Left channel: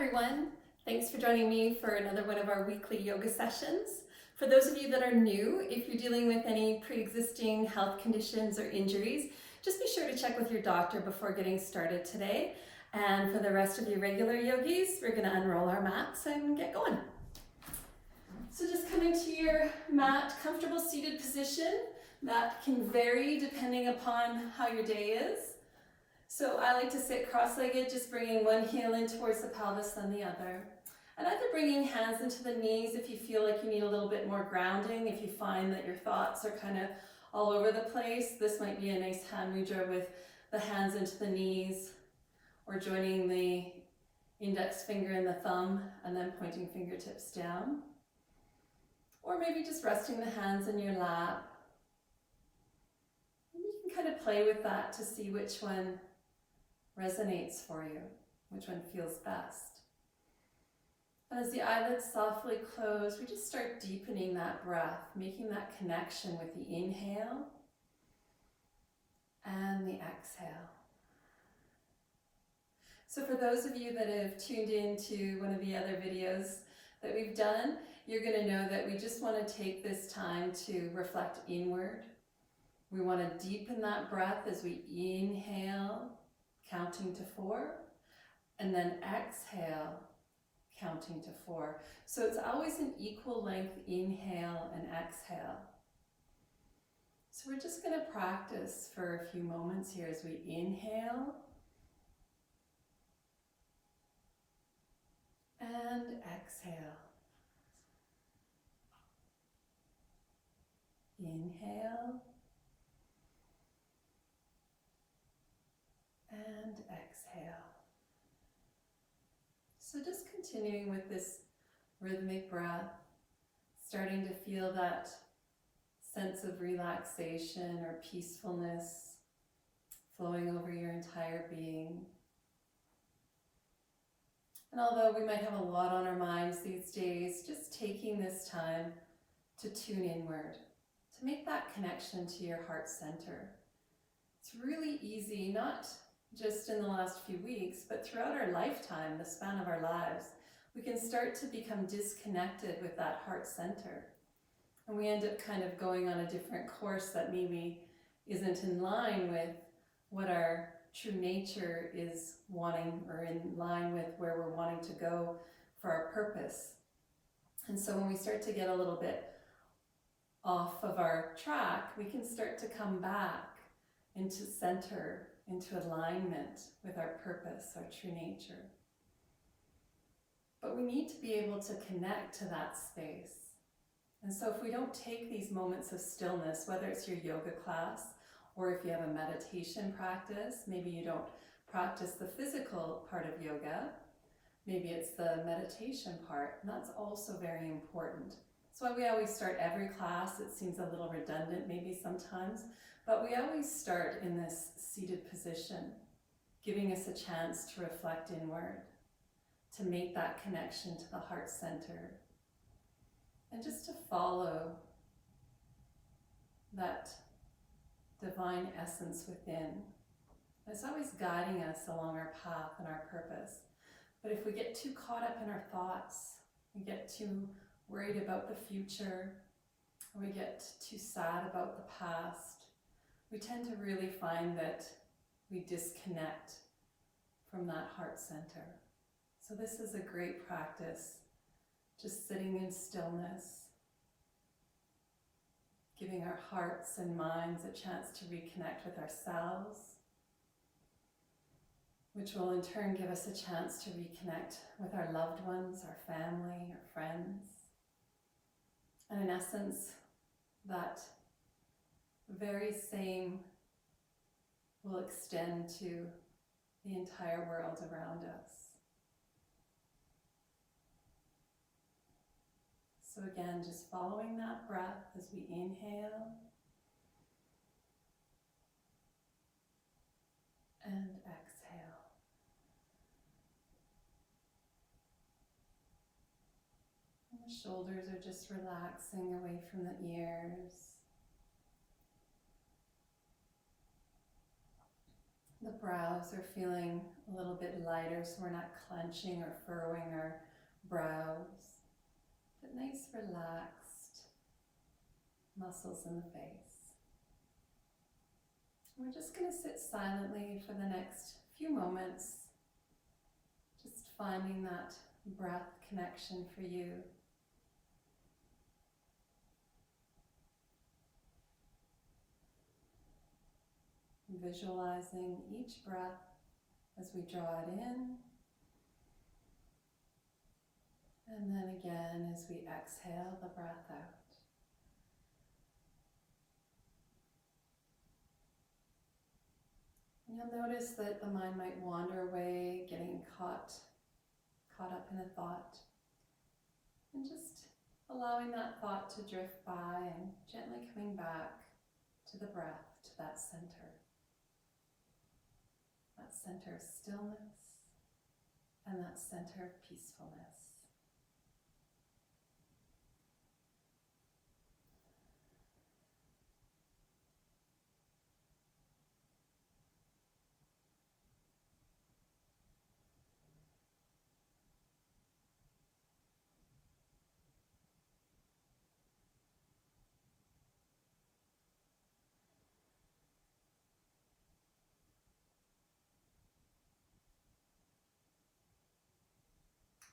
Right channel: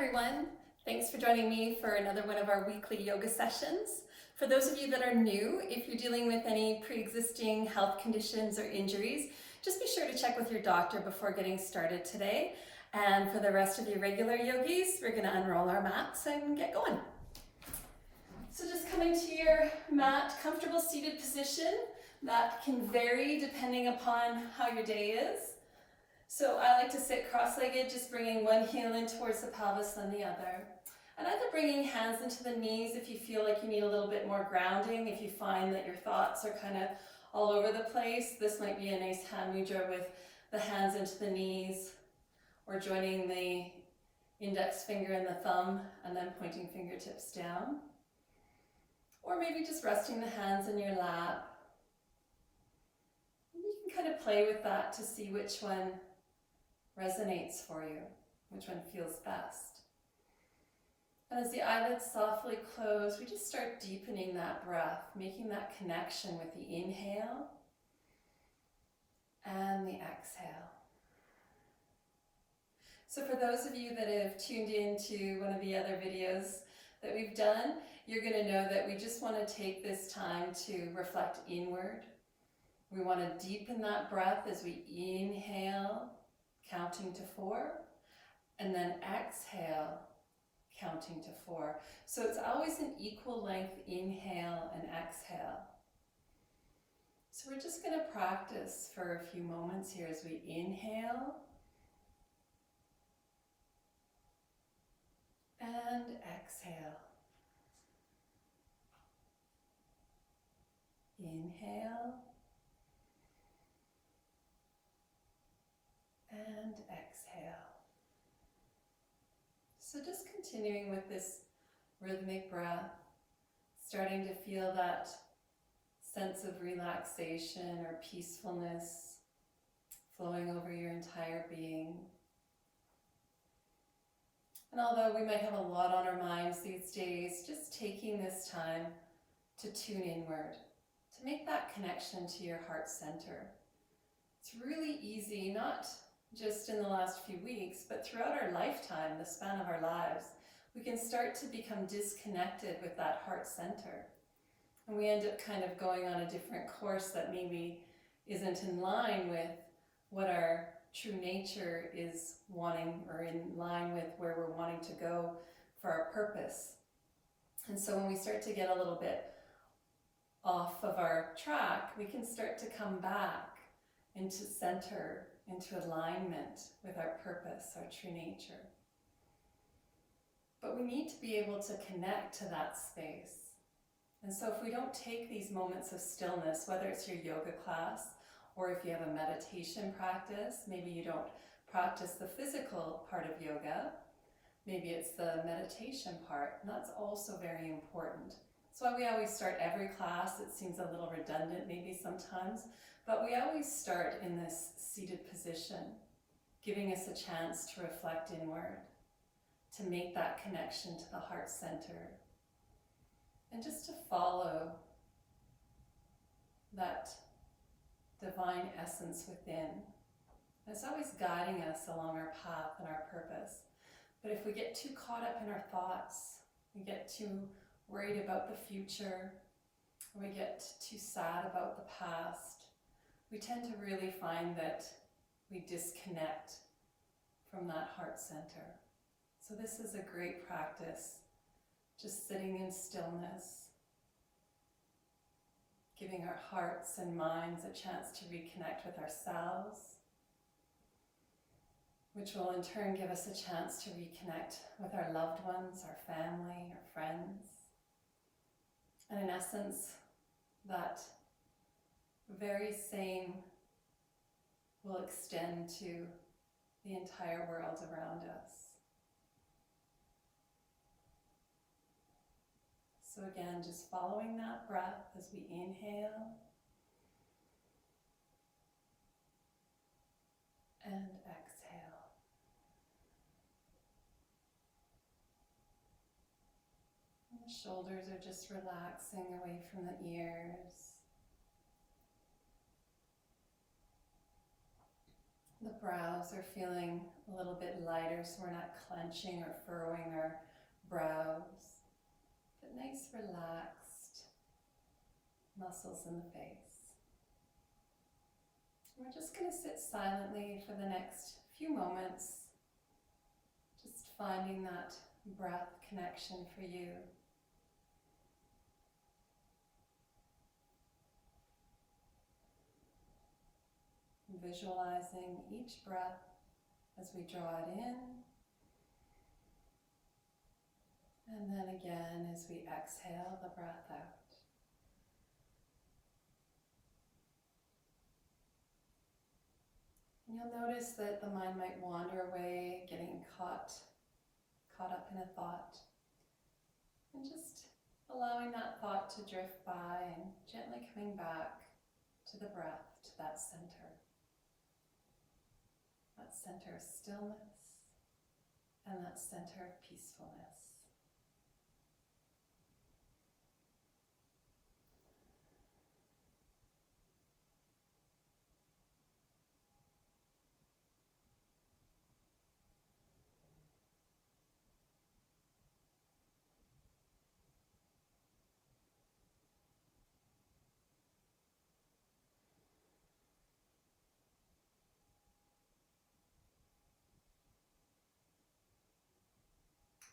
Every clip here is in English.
everyone. Thanks for joining me for another one of our weekly yoga sessions. For those of you that are new, if you're dealing with any pre-existing health conditions or injuries, just be sure to check with your doctor before getting started today. And for the rest of you regular yogis, we're going to unroll our mats and get going. So just coming to your mat, comfortable seated position. That can vary depending upon how your day is. So I like to sit cross-legged, just bringing one heel in towards the pelvis, then the other. And either bringing hands into the knees if you feel like you need a little bit more grounding, if you find that your thoughts are kind of all over the place. This might be a nice hand mudra with the hands into the knees, or joining the index finger and the thumb and then pointing fingertips down. Or maybe just resting the hands in your lap. And you can kind of play with that to see which one resonates for you, which one feels best. And as the eyelids softly close, we just start deepening that breath, making that connection with the inhale and the exhale. So for those of you that have tuned in to one of the other videos that we've done, you're going to know that we just want to take this time to reflect inward. We want to deepen that breath as we inhale, counting to 4, and then exhale, counting to 4. So it's always an equal length inhale and exhale. So we're just going to practice for a few moments here as we inhale and exhale. Inhale and exhale. So just continuing with this rhythmic breath, starting to feel that sense of relaxation or peacefulness flowing over your entire being. And although we might have a lot on our minds these days, just taking this time to tune inward, to make that connection to your heart center. It's really easy, not just in the last few weeks, but throughout our lifetime, the span of our lives, we can start to become disconnected with that heart center. And we end up kind of going on a different course that maybe isn't in line with what our true nature is wanting, or in line with where we're wanting to go for our purpose. And so when we start to get a little bit off of our track, we can start to come back into center, into alignment with our purpose, our true nature. But we need to be able to connect to that space. And so if we don't take these moments of stillness, whether it's your yoga class, or if you have a meditation practice, maybe you don't practice the physical part of yoga, maybe it's the meditation part, and that's also very important. That's why we always start every class. It seems a little redundant maybe sometimes, but we always start in this seated position, giving us a chance to reflect inward, to make that connection to the heart center, and just to follow that divine essence within. It's always guiding us along our path and our purpose. But if we get too caught up in our thoughts, we get too worried about the future, or we get too sad about the past, we tend to really find that we disconnect from that heart center. So this is a great practice, just sitting in stillness, giving our hearts and minds a chance to reconnect with ourselves, which will in turn give us a chance to reconnect with our loved ones, our family, our friends. And in essence, that very same will extend to the entire world around us. So again, just following that breath as we inhale and exhale. And the shoulders are just relaxing away from the ears. The brows are feeling a little bit lighter, so we're not clenching or furrowing our brows, but nice relaxed muscles in the face. We're just going to sit silently for the next few moments, just finding that breath connection for you. Visualizing each breath as we draw it in, and then again as we exhale the breath out. And you'll notice that the mind might wander away, getting caught up in a thought, and just allowing that thought to drift by and gently coming back to the breath, to that center of stillness and that center of peacefulness.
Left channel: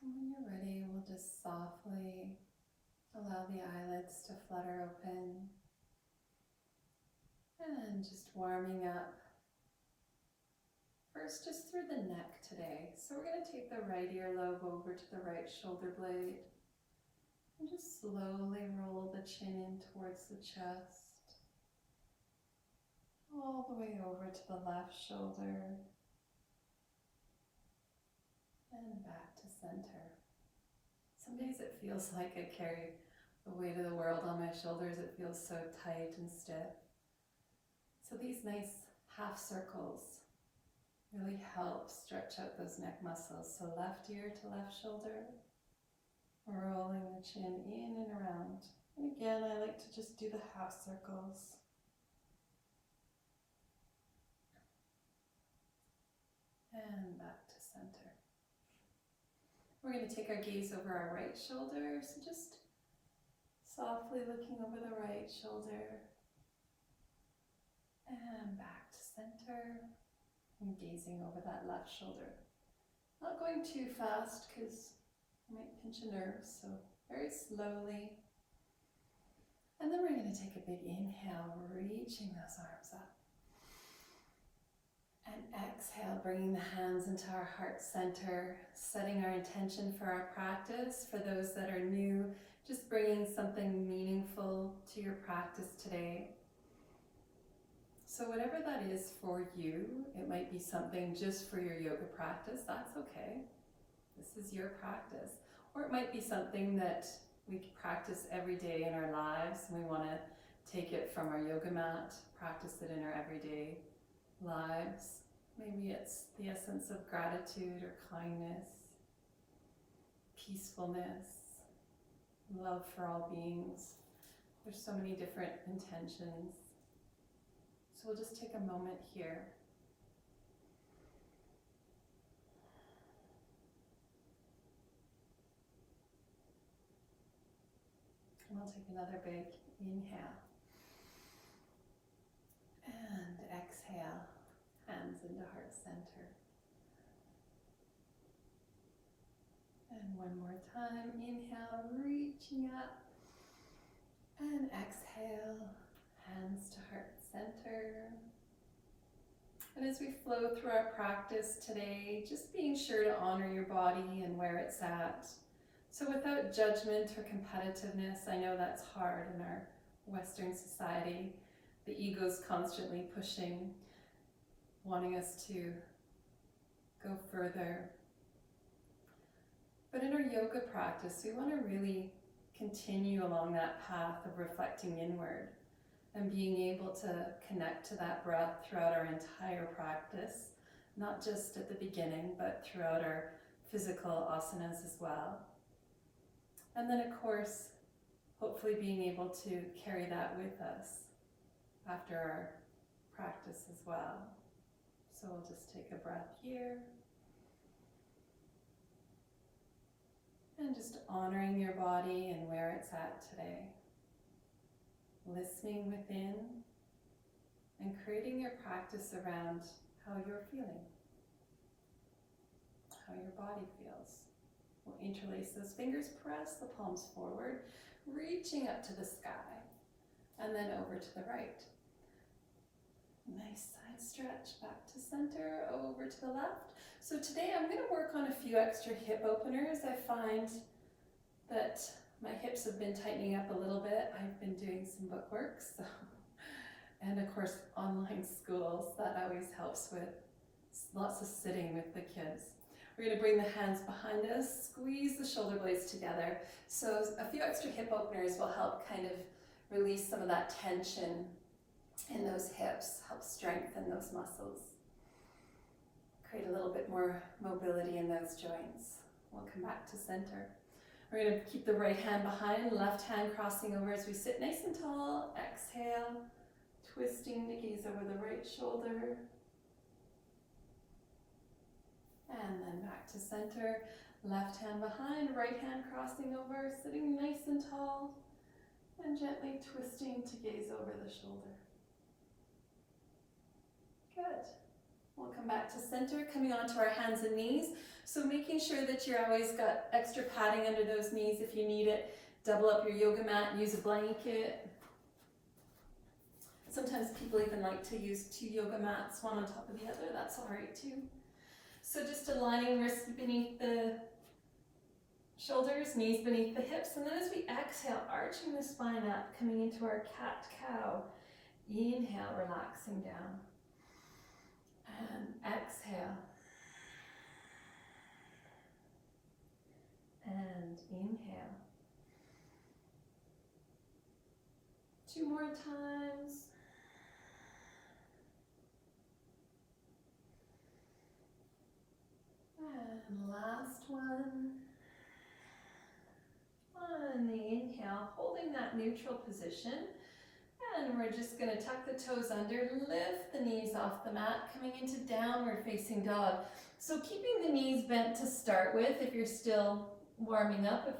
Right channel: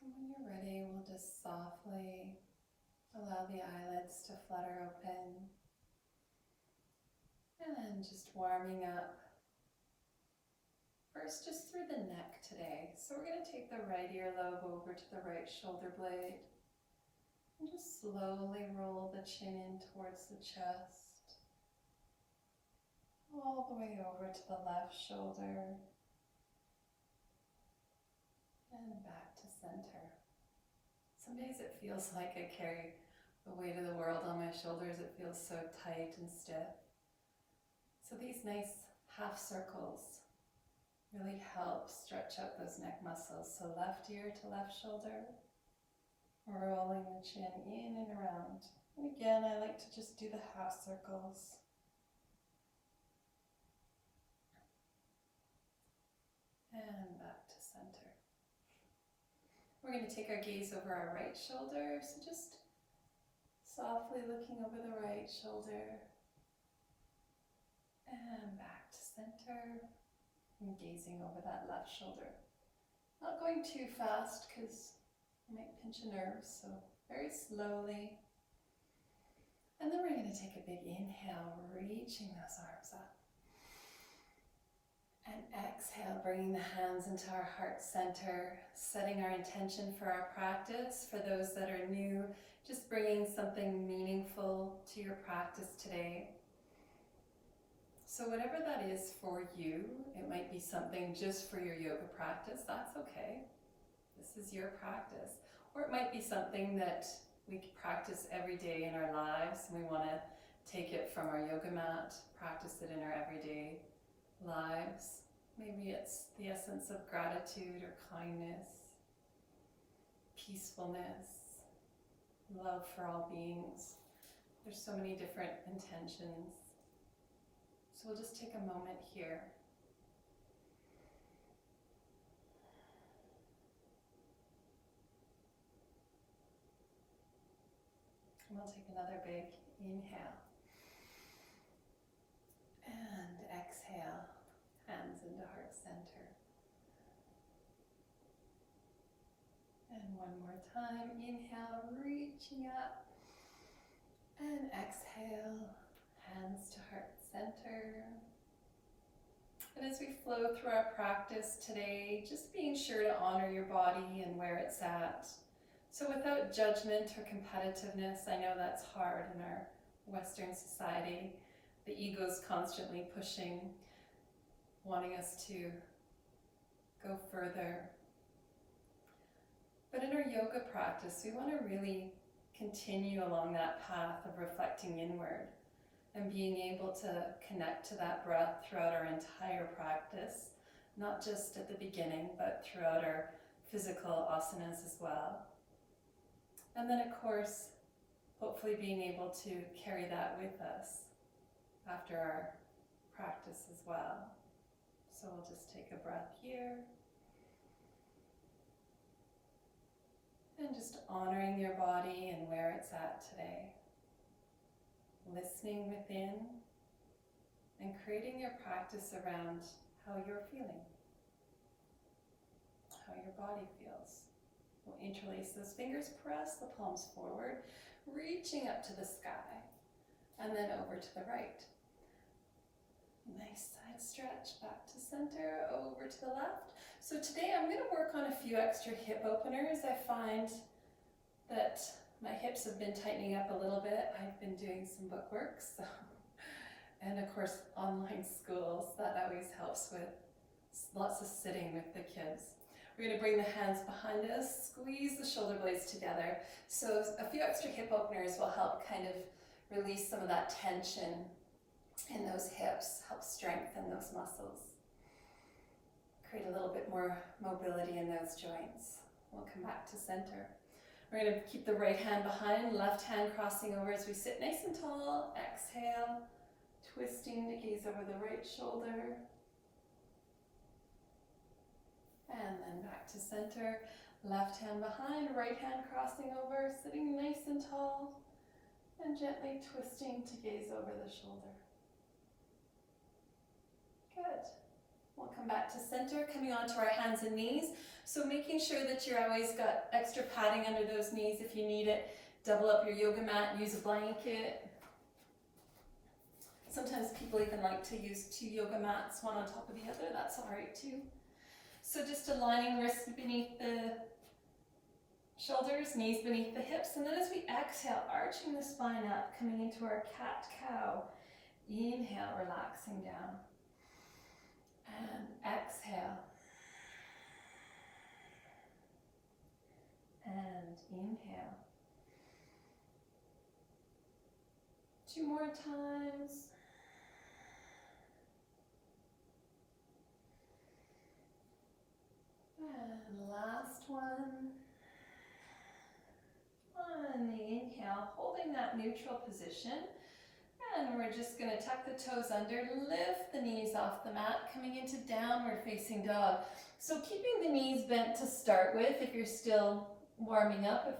And when you're ready, we'll just softly allow the eyelids to flutter open and just warming up. First, just through the neck today. So we're going to take the right earlobe over to the right shoulder blade and just slowly roll the chin in towards the chest, all the way over to the left shoulder and back to center. Some days it feels like I carry the weight of the world on my shoulders. It feels so tight and stiff. So these nice half circles really help stretch out those neck muscles. So left ear to left shoulder, rolling the chin in and around. And again, I like to just do the half circles. And back to center. We're going to take our gaze over our right shoulder. So just softly looking over the right shoulder. And back to center. And gazing over that left shoulder. Not going too fast because I might pinch a nerve, so very slowly. And then we're going to take a big inhale, reaching those arms up. And exhale, bringing the hands into our heart center, setting our intention for our practice. For those that are new, just bringing something meaningful to your practice today. So whatever that is for you, it might be something just for your yoga practice, that's okay. This is your practice. Or it might be something that we practice every day in our lives, and we want to take it from our yoga mat, practice it in our everyday lives. Maybe it's the essence of gratitude or kindness, peacefulness, love for all beings. There's so many different intentions. So we'll just take a moment here. And we'll take another big inhale. And exhale, hands into heart center. And one more time, inhale, reaching up. And exhale, hands to heart center. And as we flow through our practice today, just being sure to honor your body and where it's at. So without judgment or competitiveness, I know that's hard in our Western society. The ego's constantly pushing, wanting us to go further. But in our yoga practice, we want to really continue along that path of reflecting inward and being able to connect to that breath throughout our entire practice, not just at the beginning, but throughout our physical asanas as well. And then, of course, hopefully being able to carry that with us after our practice as well. So we'll just take a breath here. And just honoring your body and where it's at today. Listening within and creating your practice around how you're feeling, how your body feels. We'll interlace those fingers, press the palms forward, reaching up to the sky, and then over to the right. Nice side stretch, back to center, over to the left. So today I'm going to work on a few extra hip openers. I find that my hips have been tightening up a little bit. I've been doing some book work, so, and of course online schools, that always helps with lots of sitting with the kids. We're going to bring the hands behind us, squeeze the shoulder blades together. So a few extra hip openers will help kind of release some of that tension in those hips, help strengthen those muscles. Create a little bit more mobility in those joints. We'll come back to center. We're going to keep the right hand behind, left hand crossing over as we sit nice and tall. Exhale, twisting to gaze over the right shoulder. And then back to center. Left hand behind, right hand crossing over, sitting nice and tall. And gently twisting to gaze over the shoulder. Good. We'll come back to center, coming onto our hands and knees. So making sure that you're always got extra padding under those knees if you need it. Double up your yoga mat, use a blanket. Sometimes people even like to use 2 yoga mats, one on top of the other. That's all right too. So just aligning wrists beneath the shoulders, knees beneath the hips. And then as we exhale, arching the spine up, coming into our cat-cow. Inhale, relaxing down. And exhale. And inhale. 2 more times. And last one. On the inhale, holding that neutral position. And we're just going to tuck the toes under, lift the knees off the mat, coming into downward facing dog. So keeping the knees bent to start with if you're still warming up, if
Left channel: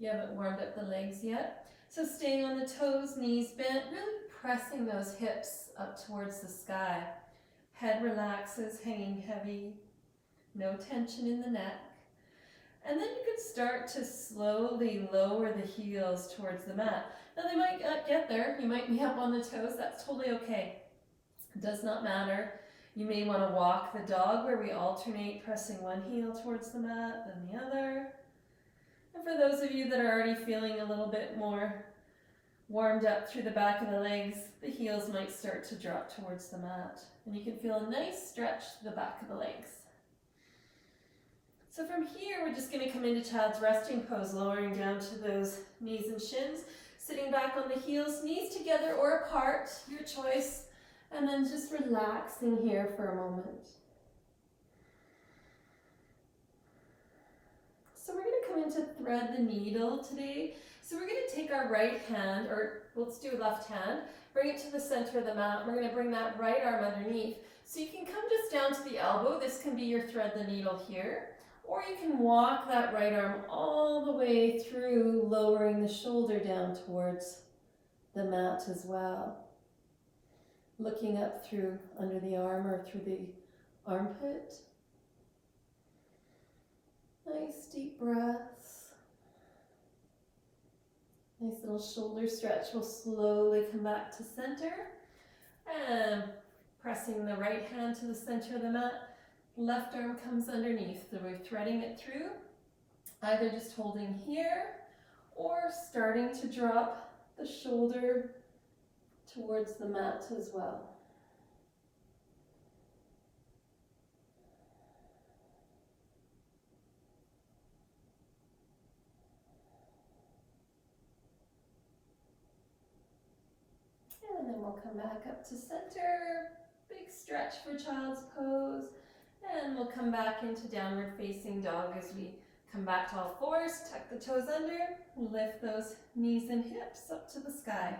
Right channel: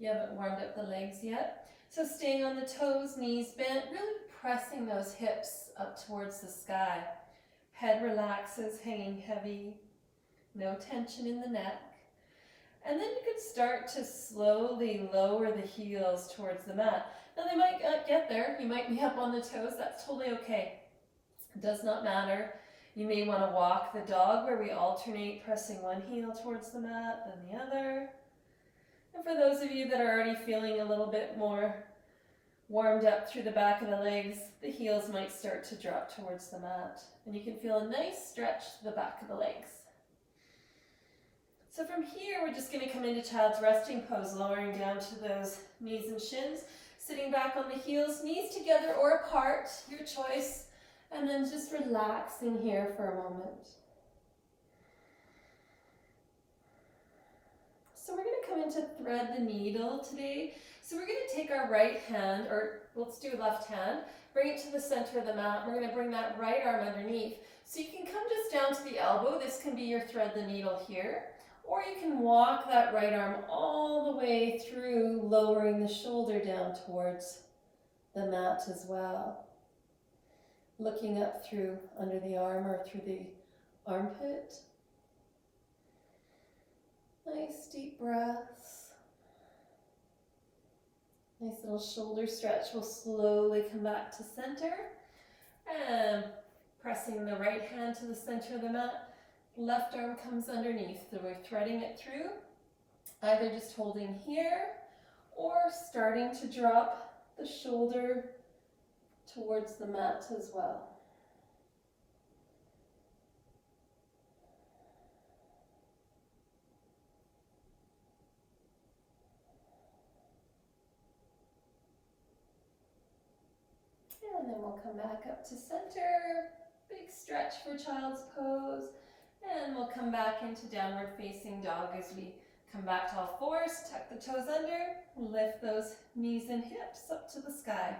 you haven't warmed up the legs yet. So staying on the toes, knees bent, really pressing those hips up towards the sky. Head relaxes, hanging heavy, no tension in the neck. And then you could start to slowly lower the heels towards the mat. Now they might not get there, you might be up on the toes, that's totally okay. It does not matter. You may want to walk the dog where we alternate pressing one heel towards the mat, then the other. And for those of you that are already feeling a little bit more warmed up through the back of the legs, the heels might start to drop towards the mat. And you can feel a nice stretch to the back of the legs. So from here, we're just going to come into child's resting pose, lowering down to those knees and shins, sitting back on the heels, knees together or apart, your choice, and then just relaxing here for a moment. So we're going to come into thread the needle today. So we're going to take our right hand, or let's do left hand, bring it to the center of the mat. We're going to bring that right arm underneath. So you can come just down to the elbow. This can be your thread the needle here. Or you can walk that right arm all the way through, lowering the shoulder down towards the mat as well. Looking up through under the arm or through the armpit. Nice deep breaths. Nice little shoulder stretch. We'll slowly come back to center. And pressing the right hand to the center of the mat. Left arm comes underneath, so we're threading it through, either just holding here or starting to drop the shoulder towards the mat as well. And then we'll come back up to center, big stretch for child's pose. And we'll come back into downward facing dog as we come back to all fours, tuck the toes under, lift those knees and hips up to the sky.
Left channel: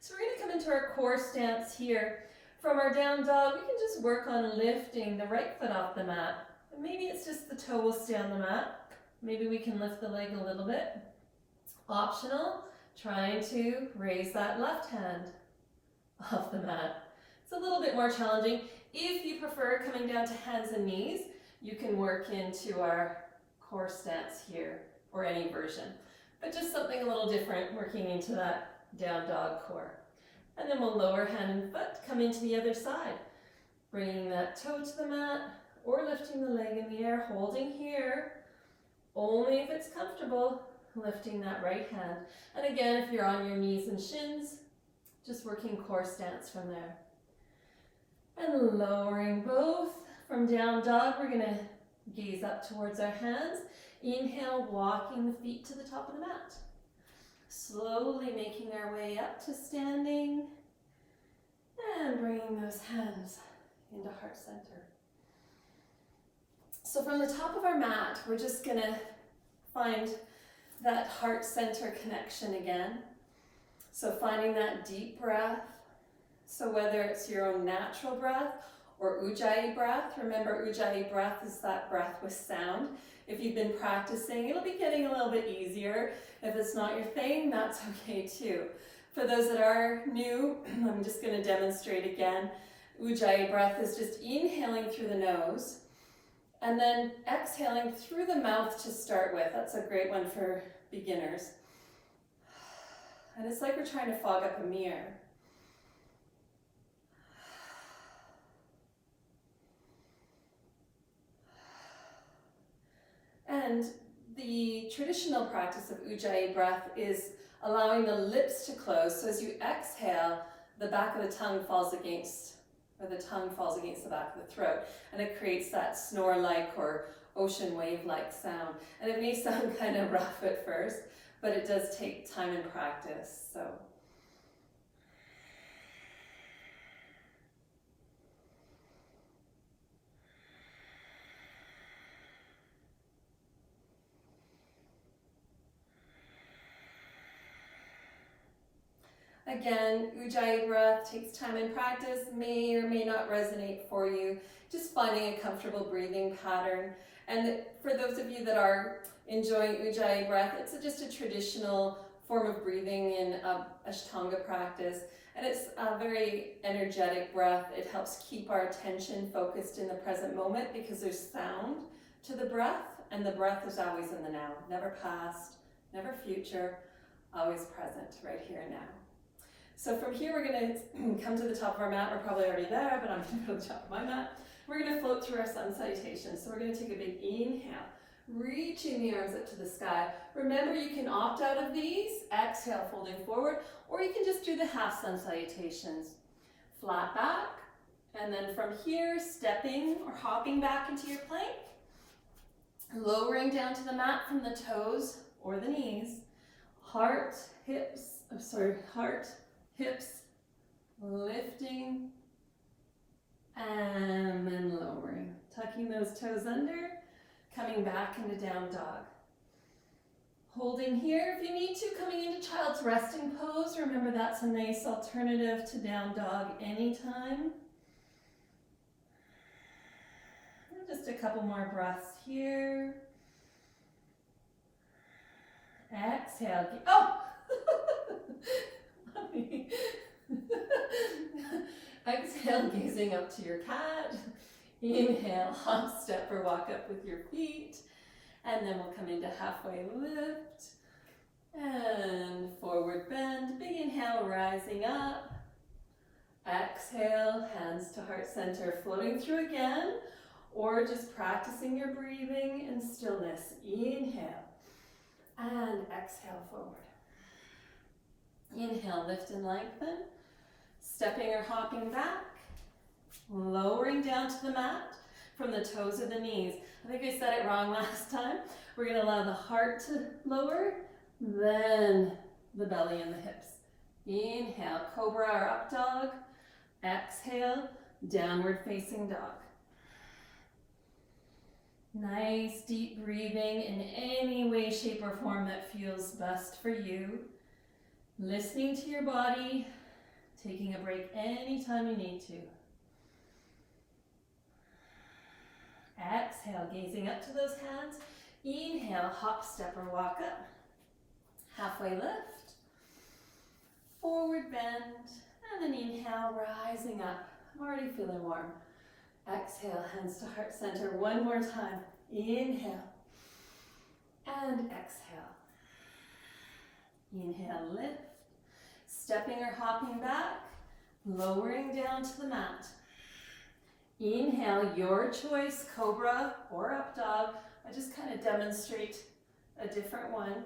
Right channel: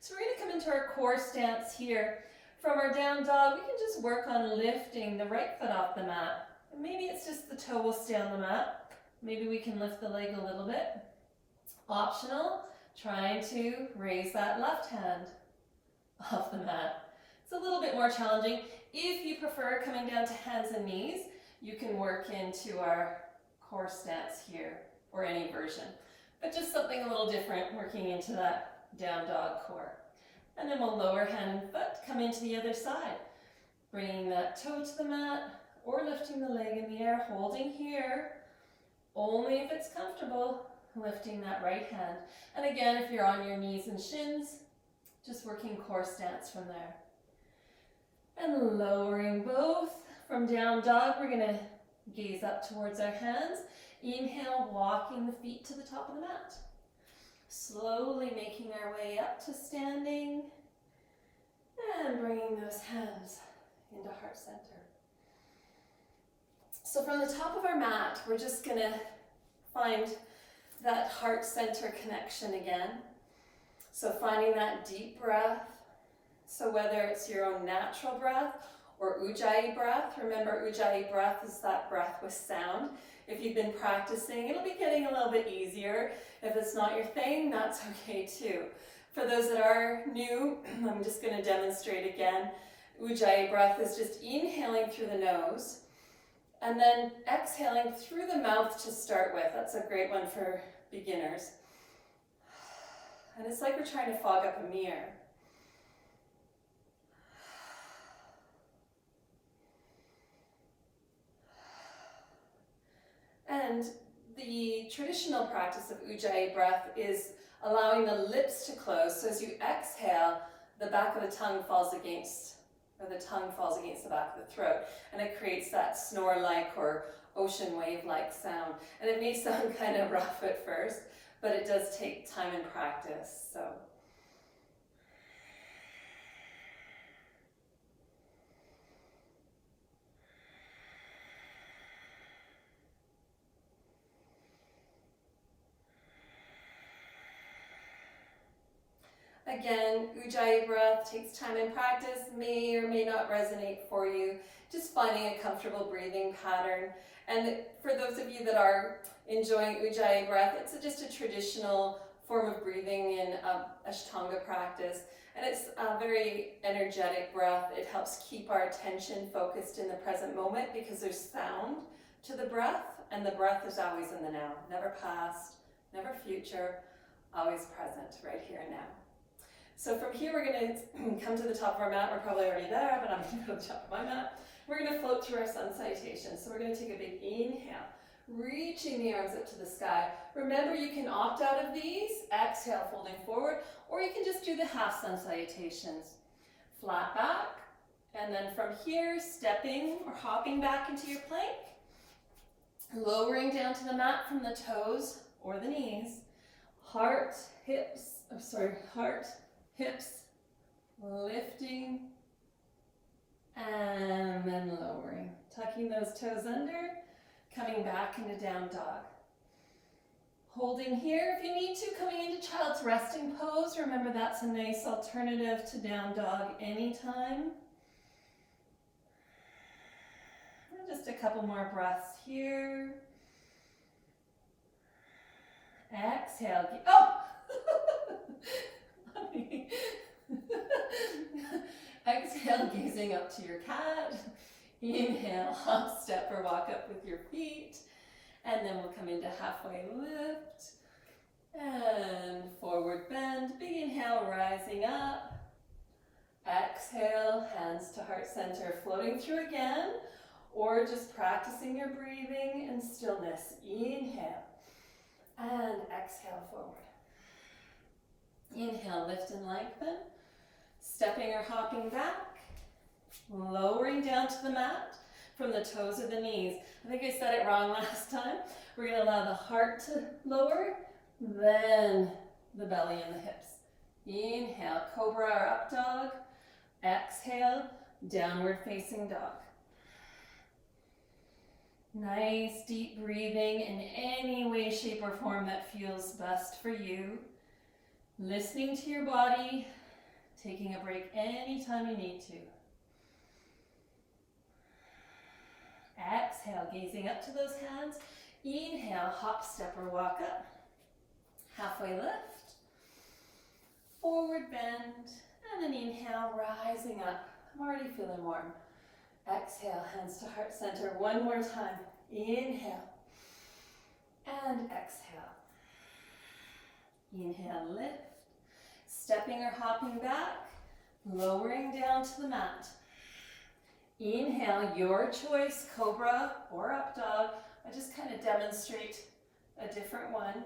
So we're going to come into our core stance here. From our down dog, we can just work on lifting the right foot off the mat. Maybe it's just the toe will stay on the mat. Maybe we can lift the leg a little bit. Optional, trying to raise that left hand off the mat. It's a little bit more challenging. If you prefer coming down to hands and knees, you can work into our core stance here, or any version. But just something a little different, working into that down dog core. And then we'll lower hand and foot, come into the other side. Bringing that toe to the mat, or lifting the leg in the air, holding here. Only if it's comfortable, lifting that right hand. And again, if you're on your knees and shins, just working core stance from there. And lowering both. From down dog, we're gonna gaze up towards our hands. Inhale, walking the feet to the top of the mat. Slowly making our way up to standing. And bringing those hands into heart center. So from the top of our mat, we're just gonna find that heart center connection again. So finding that deep breath. So whether it's your own natural breath or Ujjayi breath, remember Ujjayi breath is that breath with sound. If you've been practicing, it'll be getting a little bit easier. If it's not your thing, that's okay too. For those that are new, I'm just going to demonstrate again. Ujjayi breath is just inhaling through the nose and then exhaling through the mouth to start with. That's a great one for beginners. And it's like we're trying to fog up a mirror. And the traditional practice of Ujjayi breath is allowing the lips to close. So as you exhale, the back of the tongue falls against, or the tongue falls against the back of the throat. And it creates that snore-like or ocean wave-like sound. And it may sound kind of rough at first, but it does take time and practice. So. Again, Ujjayi breath takes time and practice, may or may not resonate for you. Just finding a comfortable breathing pattern. And for those of you that are enjoying Ujjayi breath, it's just a traditional form of breathing in Ashtanga practice. And it's a very energetic breath. It helps keep our attention focused in the present moment because there's sound to the breath, and the breath is always in the now. Never past, never future, always present, right here and now. So from here, we're going to come to the top of our mat. We're probably already there, but I'm going to go to the top of my mat. We're going to float through our sun salutation. So we're going to take a big inhale, reaching the arms up to the sky. Remember, you can opt out of these, exhale, folding forward, or you can just do the half sun salutations. Flat back, and then from here, stepping or hopping back into your plank, lowering down to the mat from the toes or the knees, heart, hips, lifting, and then lowering. Tucking those toes under, coming back into down dog. Holding here if you need to, coming into child's resting pose. Remember, that's a nice alternative to down dog anytime. And just a couple more breaths here. Exhale. Oh! Exhale, gazing up to your cat. Inhale, hop, step, or walk up with your feet. And then we'll come into halfway lift. And forward bend. Big inhale, rising up. Exhale, hands to heart center, floating through again. Or just practicing your breathing and stillness. Inhale. And exhale forward. Inhale, lift and lengthen. Stepping or hopping back. Lowering down to the mat from the toes or the knees. I think I said it wrong last time. We're going to allow the heart to lower, then the belly and the hips. Inhale, cobra or up dog. Exhale, downward facing dog. Nice deep breathing in any way, shape, or form that feels best for you. Listening to your body, taking a break anytime you need to. Exhale, gazing up to those hands. Inhale, hop, step, or walk up. Halfway lift. Forward bend. And then inhale, rising up. I'm already feeling warm. Exhale, hands to heart center. One more time. Inhale. And exhale. Inhale, lift. Stepping or hopping back. Lowering down to the mat. Inhale, your choice, cobra or up dog. I just kind of demonstrate a different one.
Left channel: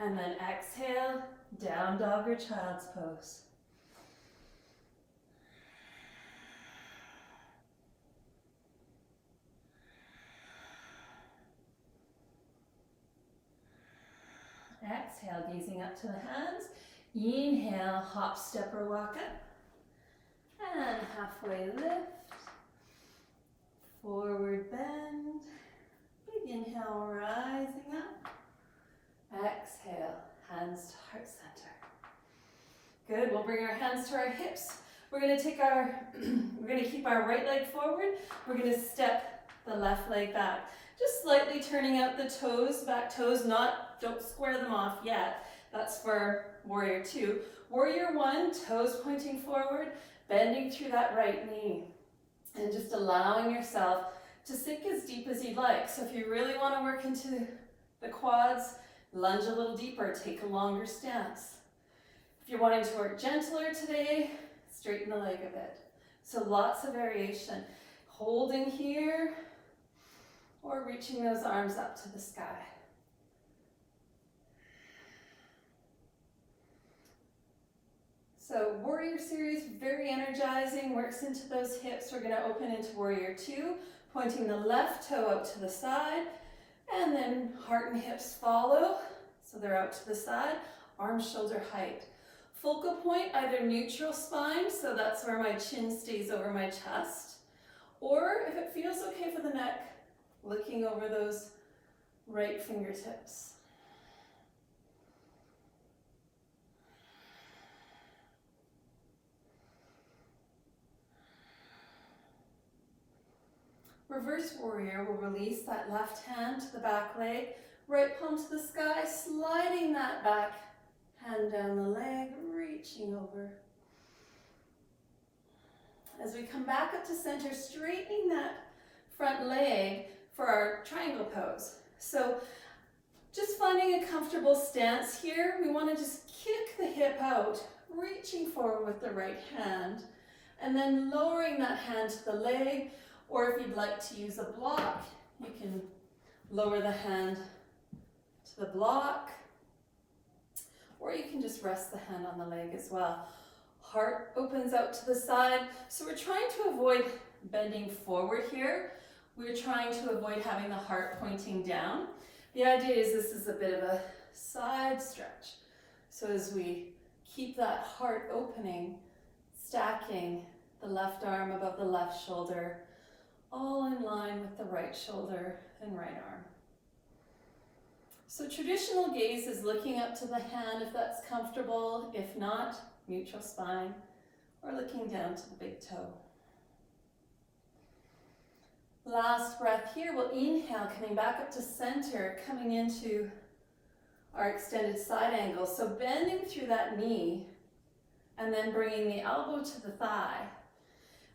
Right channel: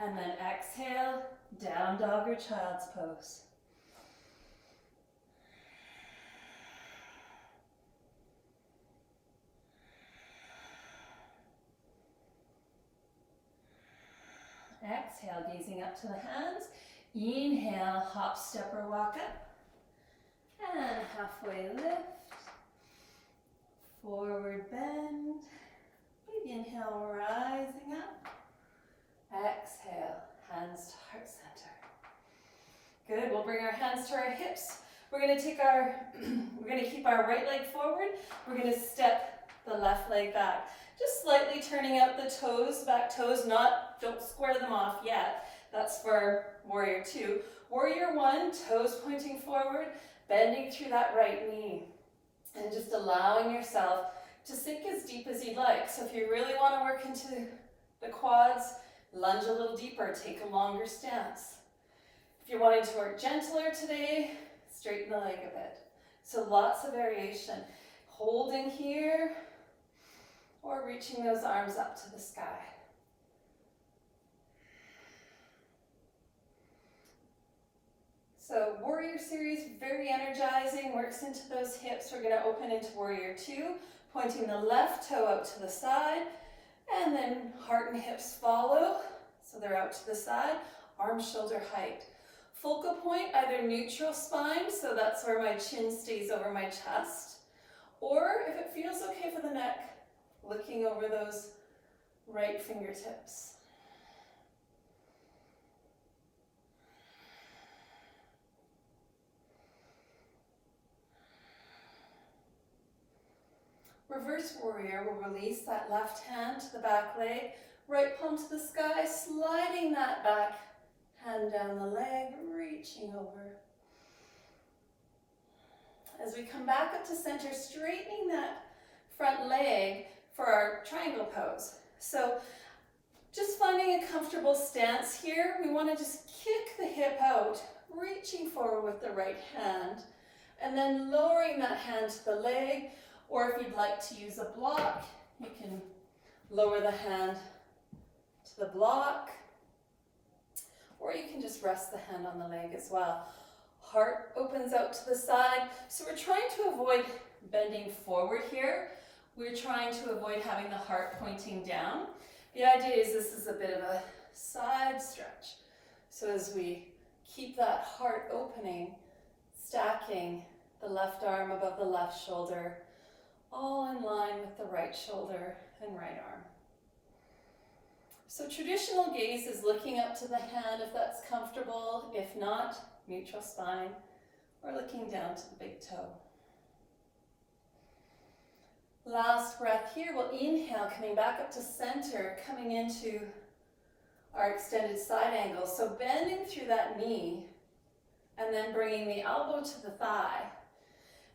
And then exhale, down dog or child's pose. Exhale, gazing up to the hands. Inhale, hop, step, or walk up. And halfway lift. Forward bend. Big inhale, rising up. Exhale, hands to heart center. Good, we'll bring our hands to our hips. We're gonna keep our right leg forward. We're gonna step the left leg back. Just slightly turning out the toes, back toes, don't square them off yet. That's for warrior 2. Warrior 1, toes pointing forward, bending through that right knee. And just allowing yourself to sink as deep as you'd like. So if you really want to work into the quads, lunge a little deeper, take a longer stance. If you're wanting to work gentler today, straighten the leg a bit. So lots of variation. Holding here, or reaching those arms up to the sky. So warrior series, very energizing, works into those hips. We're going to open into warrior 2, pointing the left toe out to the side, and then heart and hips follow. So they're out to the side, arms shoulder height. Focal point, either neutral spine, so that's where my chin stays over my chest, or if it feels okay for the neck, looking over those right fingertips. Reverse warrior will release that left hand to the back leg, right palm to the sky, sliding that back hand down the leg, reaching over. As we come back up to center, straightening that front leg for our triangle pose. So just finding a comfortable stance here. We want to just kick the hip out, reaching forward with the right hand, and then lowering that hand to the leg. Or if you'd like to use a block, you can lower the hand to the block, or you can just rest the hand on the leg as well. Heart opens out to the side. So we're trying to avoid bending forward here. We're trying to avoid having the heart pointing down. The idea is this is a bit of a side stretch. So as we keep that heart opening, stacking the left arm above the left shoulder, all in line with the right shoulder and right arm. So traditional gaze is looking up to the hand if that's comfortable. If not, neutral spine, or looking down to the big toe. Last breath here, we'll inhale, coming back up to center, coming into our extended side angle. So bending through that knee, and then bringing the elbow to the thigh.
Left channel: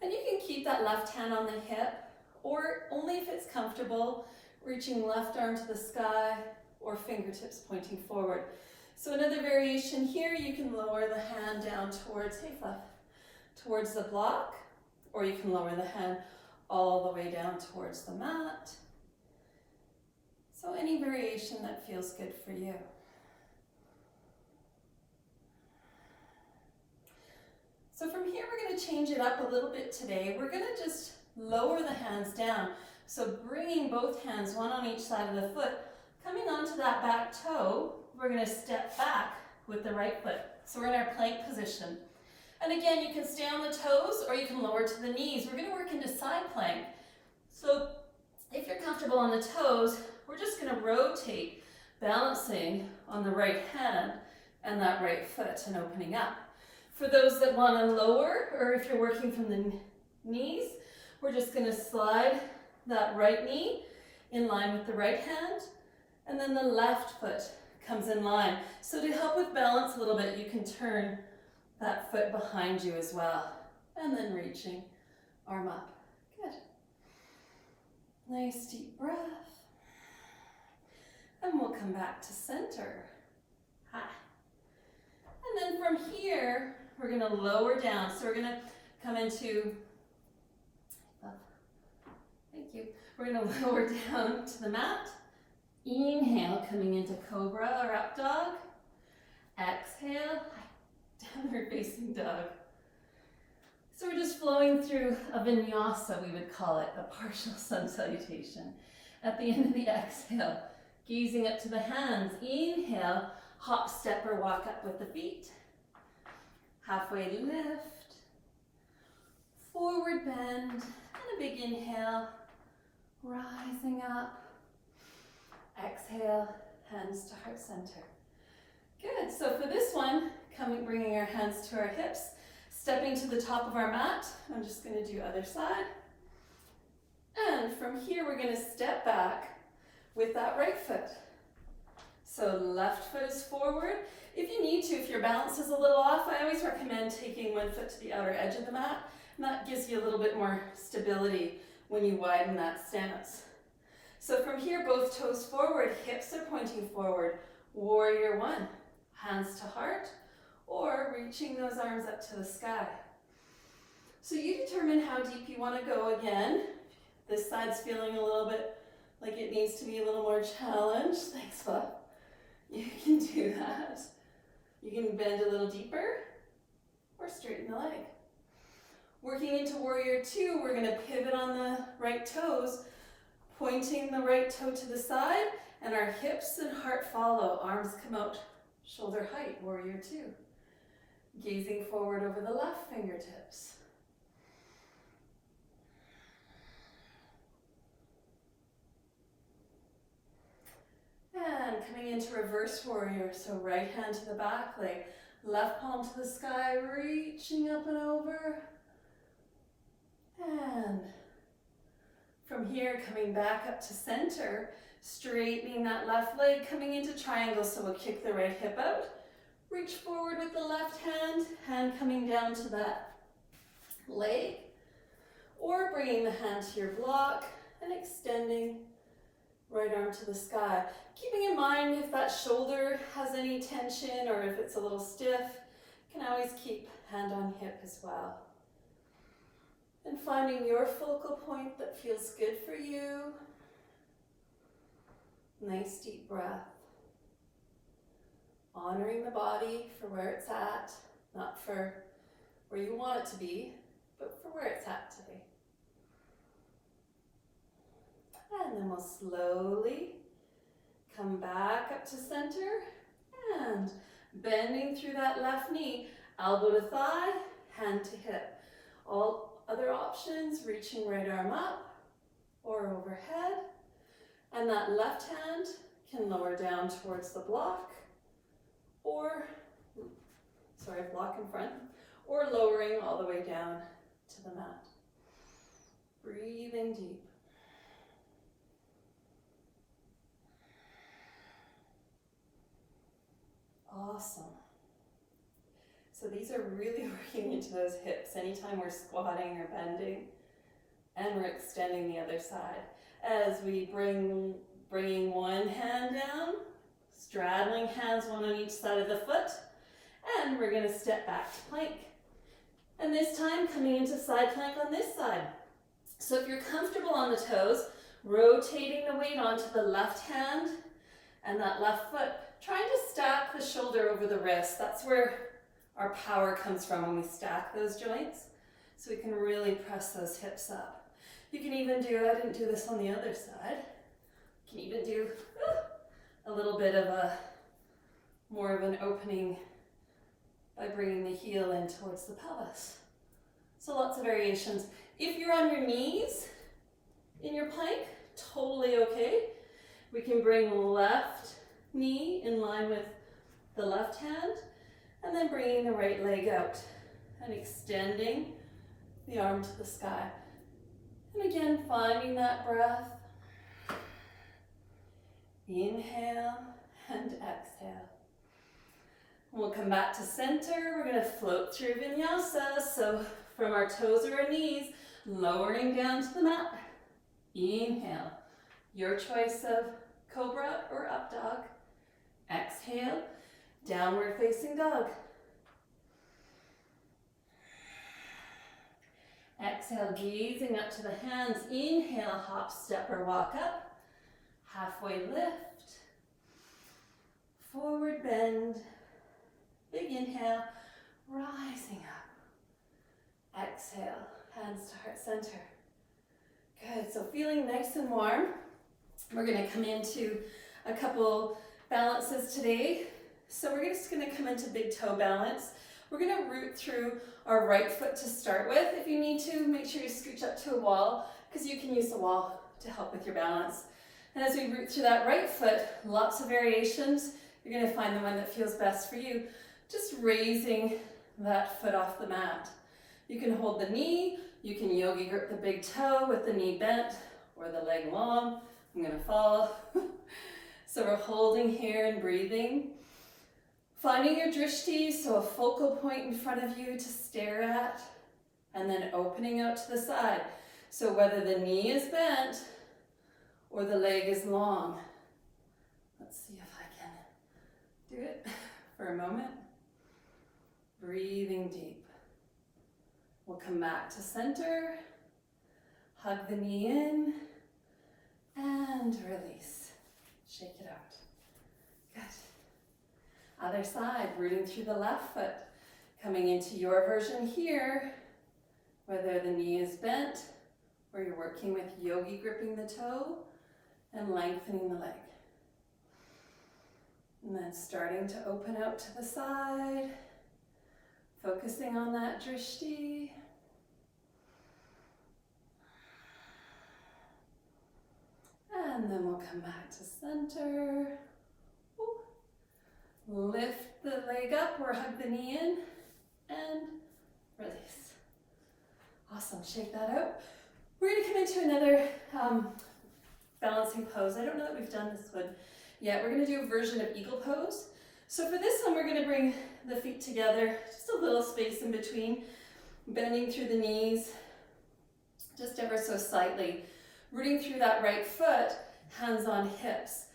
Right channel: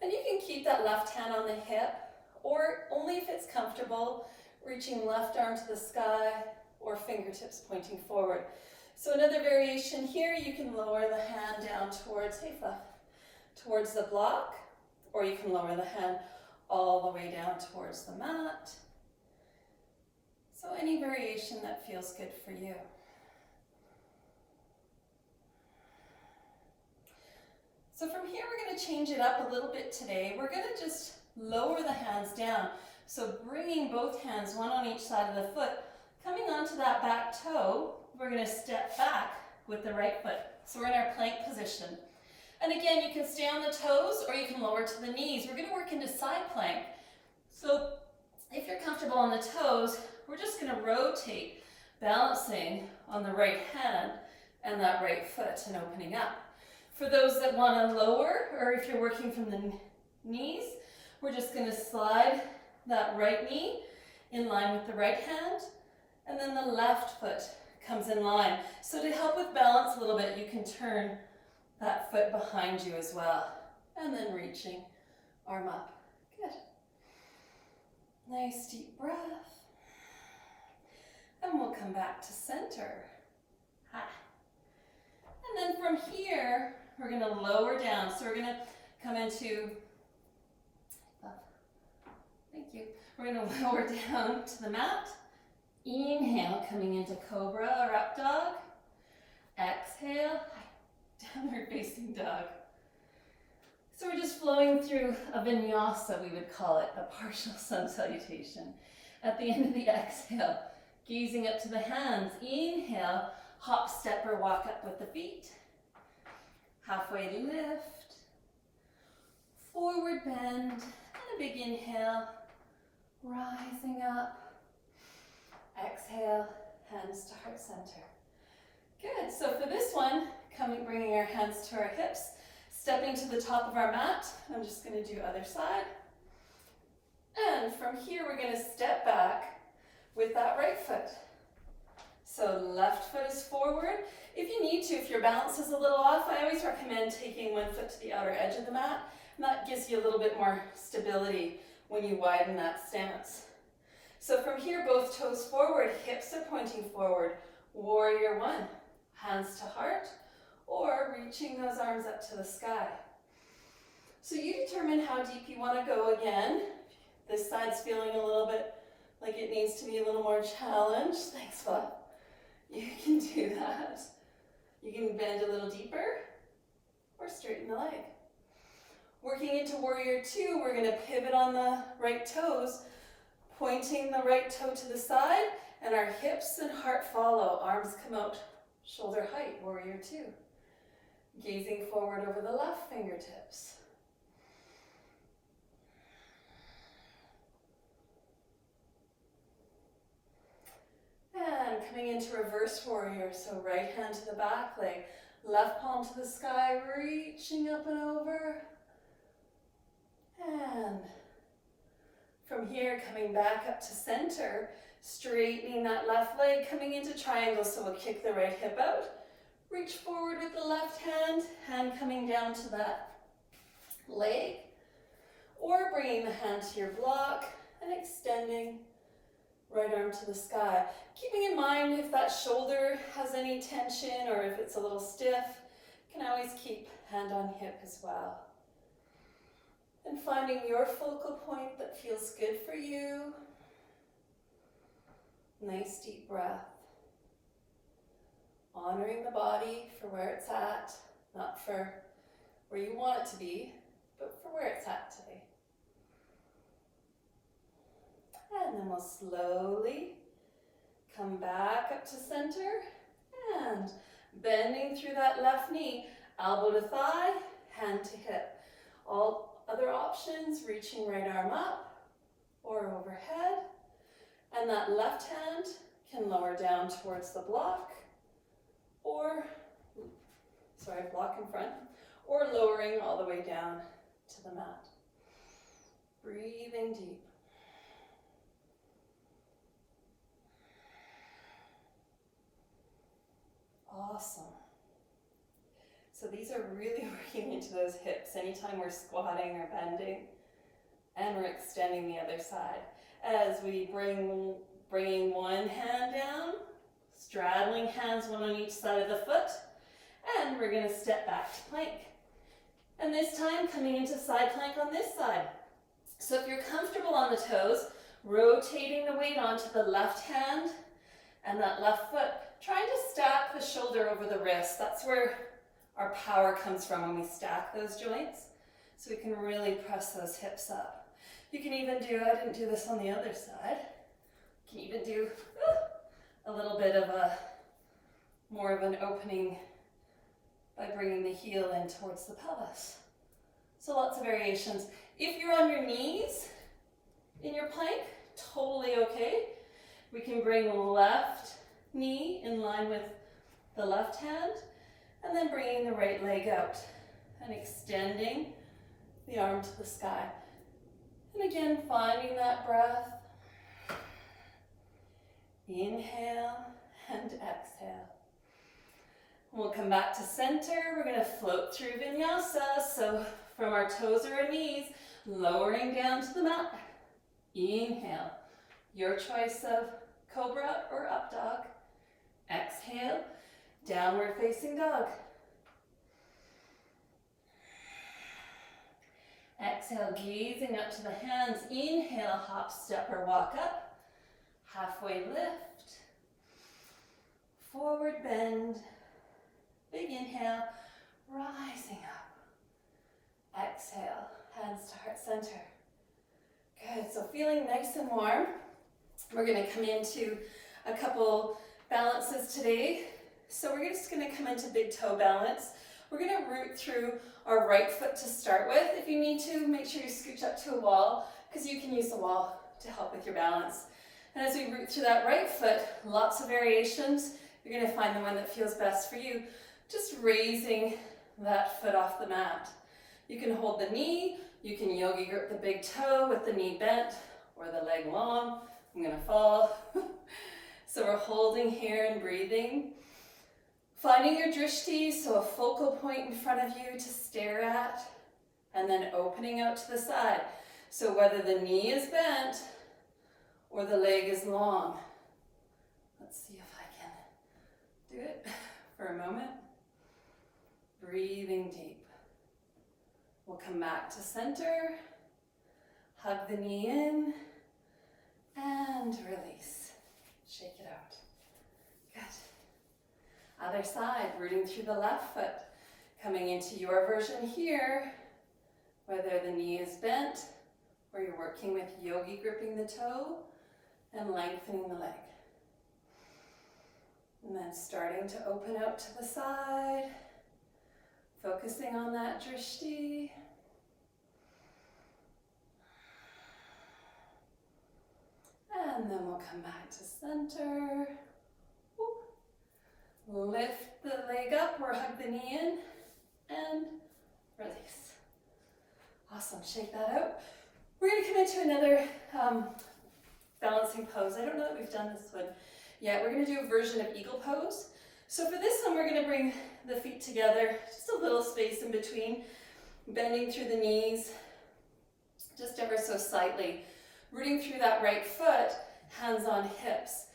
And you can keep that left hand on the hip, or only if it's comfortable, reaching left arm to the sky or fingertips pointing forward. So another variation here, you can lower the hand down towards the block, or you can lower the hand all the way down towards the mat. So any variation that feels good for you. So from here, we're going to change it up a little bit today. We're going to just lower the hands down. So bringing both hands, one on each side of the foot, coming onto that back toe, we're going to step back with the right foot. So we're in our plank position. And again, you can stay on the toes or you can lower to the knees. We're going to work into side plank. So if you're comfortable on the toes, we're just going to rotate, balancing on the right hand and that right foot and opening up. For those that want to lower, or if you're working from the knees, we're just going to slide that right knee in line with the right hand, and then the left foot comes in line. So to help with balance a little bit, you can turn that foot behind you as well. And then reaching, arm up. Good. Nice deep breath. And we'll come back to center. Ha. And then from here, we're going to lower down. So we're going to come into, thank you. We're going to lower down to the mat. Inhale, coming into cobra or up dog. Exhale, downward facing dog. So we're just flowing through a vinyasa, we would call it, a partial sun salutation. At the end of the exhale, gazing up to the hands. Inhale, hop, step, or walk up with the feet. Halfway lift. Forward bend, and a big inhale. Rising up. Exhale, hands to heart center. Good, so for this one, bringing our hands to our hips, stepping to the top of our mat. I'm just going to do other side. And from here, we're going to step back with that right foot. So left foot is forward. If you need to, if your balance is a little off, I always recommend taking one foot to the outer edge of the mat, and that gives you a little bit more stability when you widen that stance. So from here, both toes forward, hips are pointing forward. Warrior one, hands to heart, or reaching those arms up to the sky. So you determine how deep you want to go again. This side's feeling a little bit like it needs to be a little more challenged. Thanks, Bob. You can do that. You can bend a little deeper or straighten the leg. Working into warrior two, we're going to pivot on the right toes, pointing the right toe to the side, and our hips and heart follow. Arms come out shoulder height, warrior two. Gazing forward over the left fingertips. And coming into reverse warrior, so right hand to the back leg, left palm to the sky, reaching up and over. And from here, coming back up to center, straightening that left leg, coming into triangle, so we'll kick the right hip out. Reach forward with the left hand, hand coming down to that leg, or bringing the hand to your block and extending right arm to the sky. Keeping in mind if that shoulder has any tension or if it's a little stiff, you can always keep hand on hip as well. And finding your focal point that feels good for you. Nice deep breath. Honoring the body for where it's at, not for where you want it to be, but for where it's at today. And then we'll slowly come back up to center and bending through that left knee, elbow to thigh, hand to hip. All other options, reaching right arm up or overhead. And that left hand can lower down towards the block or, block in front, or lowering all the way down to the mat. Breathing deep. Awesome. So these are really working into those hips anytime we're squatting or bending, and we're extending the other side. As we bringing one hand down, straddling hands one on each side of the foot, and we're going to step back to plank. And this time coming into side plank on this side. So if you're comfortable on the toes, rotating the weight onto the left hand and that left foot, trying to stack the shoulder over the wrist. That's where our power comes from when we stack those joints. So we can really press those hips up. You can even do, I didn't do this on the other side, you can even do a little bit of more of an opening by bringing the heel in towards the pelvis. So lots of variations. If you're on your knees in your plank, totally okay. We can bring left knee in line with the left hand, and then bringing the right leg out and extending the arm to the sky. And again, finding that breath. Inhale and exhale. We'll come back to center. We're going to float through vinyasa. So from our toes or our knees, lowering down to the mat. Inhale. Your choice of cobra or up dog. Exhale. Downward facing dog. Exhale, gazing up to the hands. Inhale, hop, step, or walk up. Halfway lift. Forward bend. Big inhale, rising up. Exhale, hands to heart center. Good, so feeling nice and warm. We're gonna come into a couple balances today. So we're just gonna come into big toe balance. We're gonna root through our right foot to start with. If you need to, make sure you scooch up to a wall because you can use the wall to help with your balance. And as we root through that right foot, lots of variations. You're gonna find the one that feels best for you. Just raising that foot off the mat. You can hold the knee, you can yogi grip the big toe with the knee bent or the leg long. I'm gonna fall. So we're holding here and breathing. Finding your drishti, so a focal point in front of you to stare at, and then opening out to the side. So whether the knee is bent or the leg is long. Let's see if I can do it for a moment. Breathing deep. We'll come back to center. Hug the knee in and release. Shake it out. Good. Other side, rooting through the left foot. Coming into your version here, whether the knee is bent or you're working with yogi gripping the toe and lengthening the leg. And then starting to open out to the side. Focusing on that drishti. And then we'll come back to center. Lift the leg up or hug the knee in and release. Awesome, shake that out. We're gonna come into another balancing pose. I don't know that we've done this one yet. We're gonna do a version of eagle pose. So for this one, we're gonna bring the feet together, just a little space in between, bending through the knees, just ever so slightly, rooting through that right foot, hands on hips.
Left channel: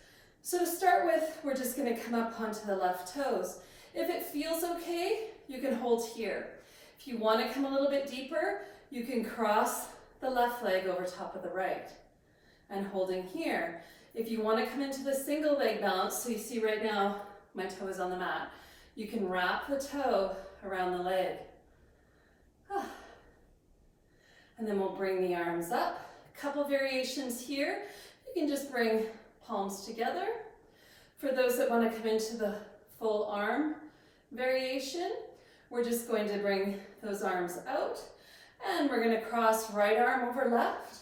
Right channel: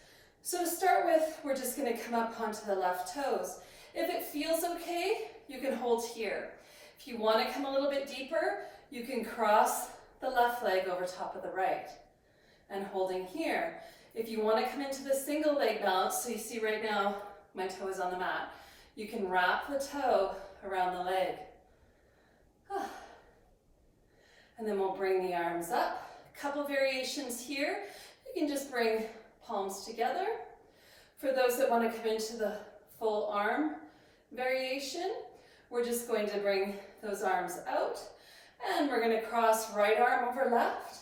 So to start with, we're just gonna come up onto the left toes. If it feels okay, you can hold here. If you wanna come a little bit deeper, you can cross the left leg over top of the right and holding here. If you wanna come into the single leg balance, so you see right now, my toe is on the mat. You can wrap the toe around the leg. And then we'll bring the arms up. A couple variations here. You can just bring palms together. For those that want to come into the full arm variation, we're just going to bring those arms out. And we're going to cross right arm over left,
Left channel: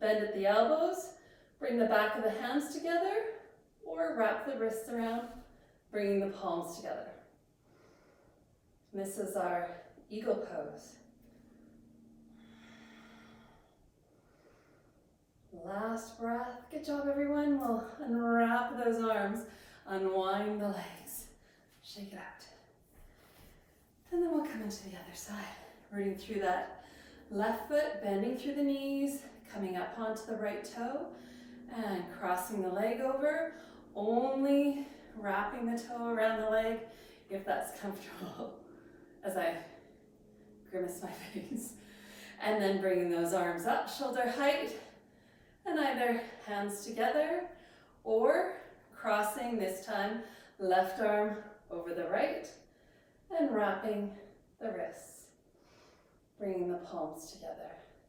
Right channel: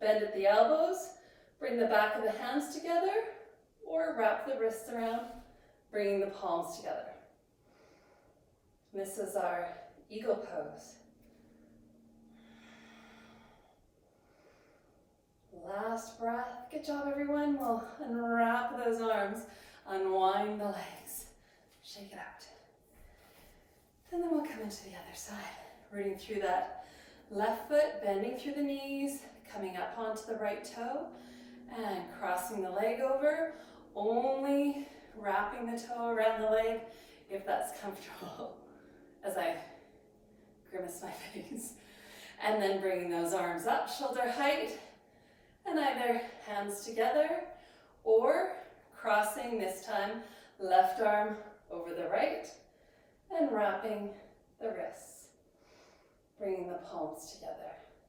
bend at the elbows, bring the back of the hands together, or wrap the wrists around, bringing the palms together. This is our eagle pose. Last breath. Good job, everyone. We'll unwrap those arms, unwind the legs, shake it out. And then we'll come into the other side, rooting through that left foot, bending through the knees, coming up onto the right toe, and crossing the leg over, only wrapping the toe around the leg if that's comfortable, as I grimace my face. And then bringing those arms up, shoulder height, and either hands together or crossing this time, left arm over the right and wrapping the wrists, bringing the palms together.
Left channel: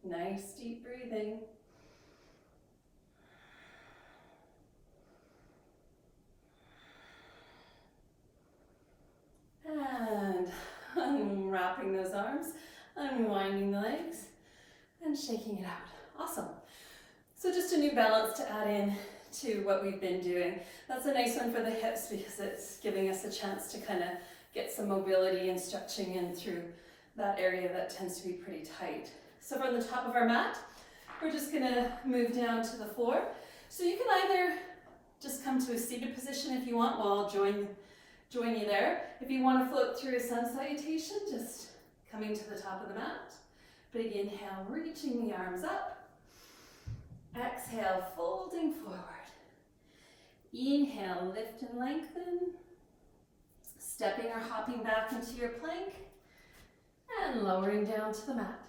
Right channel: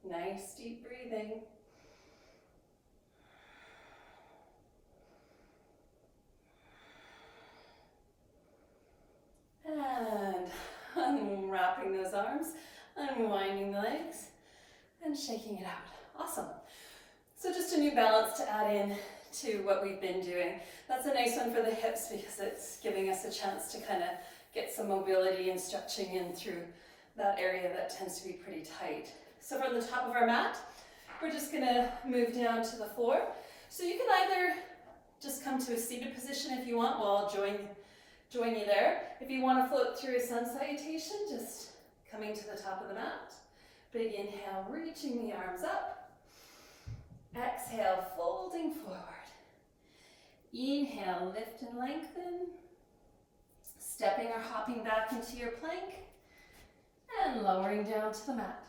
Nice deep breathing. And unwrapping those arms, unwinding the legs, and shaking it out. Awesome. So just a new balance to add in to what we've been doing. That's a nice one for the hips because it's giving us a chance to kind of get some mobility and stretching in through that area that tends to be pretty tight. So from the top of our mat, we're just gonna move down to the floor. So you can either just come to a seated position if you want. Well, I'll join you there. If you want to float through a sun salutation, just coming to the top of the mat. Big inhale, reaching the arms up. Exhale, folding forward. Inhale, lift and lengthen. Stepping or hopping back into your plank. And lowering down to the mat.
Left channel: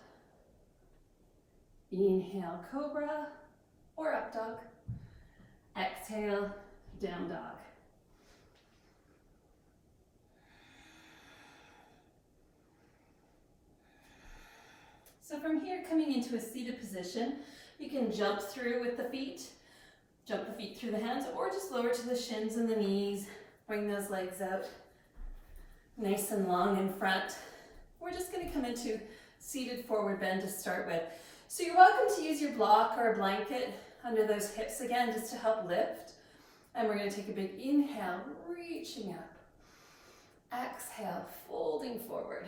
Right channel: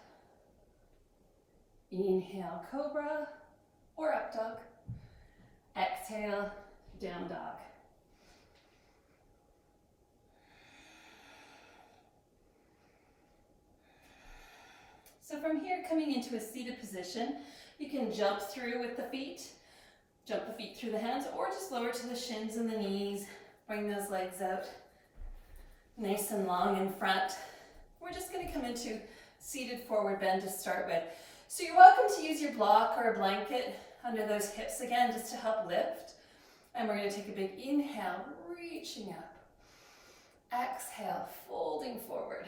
Inhale, cobra or up dog. Exhale, down dog. So from here, coming into a seated position, you can jump through with the feet, jump the feet through the hands, or just lower to the shins and the knees. Bring those legs out nice and long in front. We're just going to come into seated forward bend to start with. So you're welcome to use your block or a blanket under those hips again, just to help lift. And we're going to take a big inhale, reaching up. Exhale, folding forward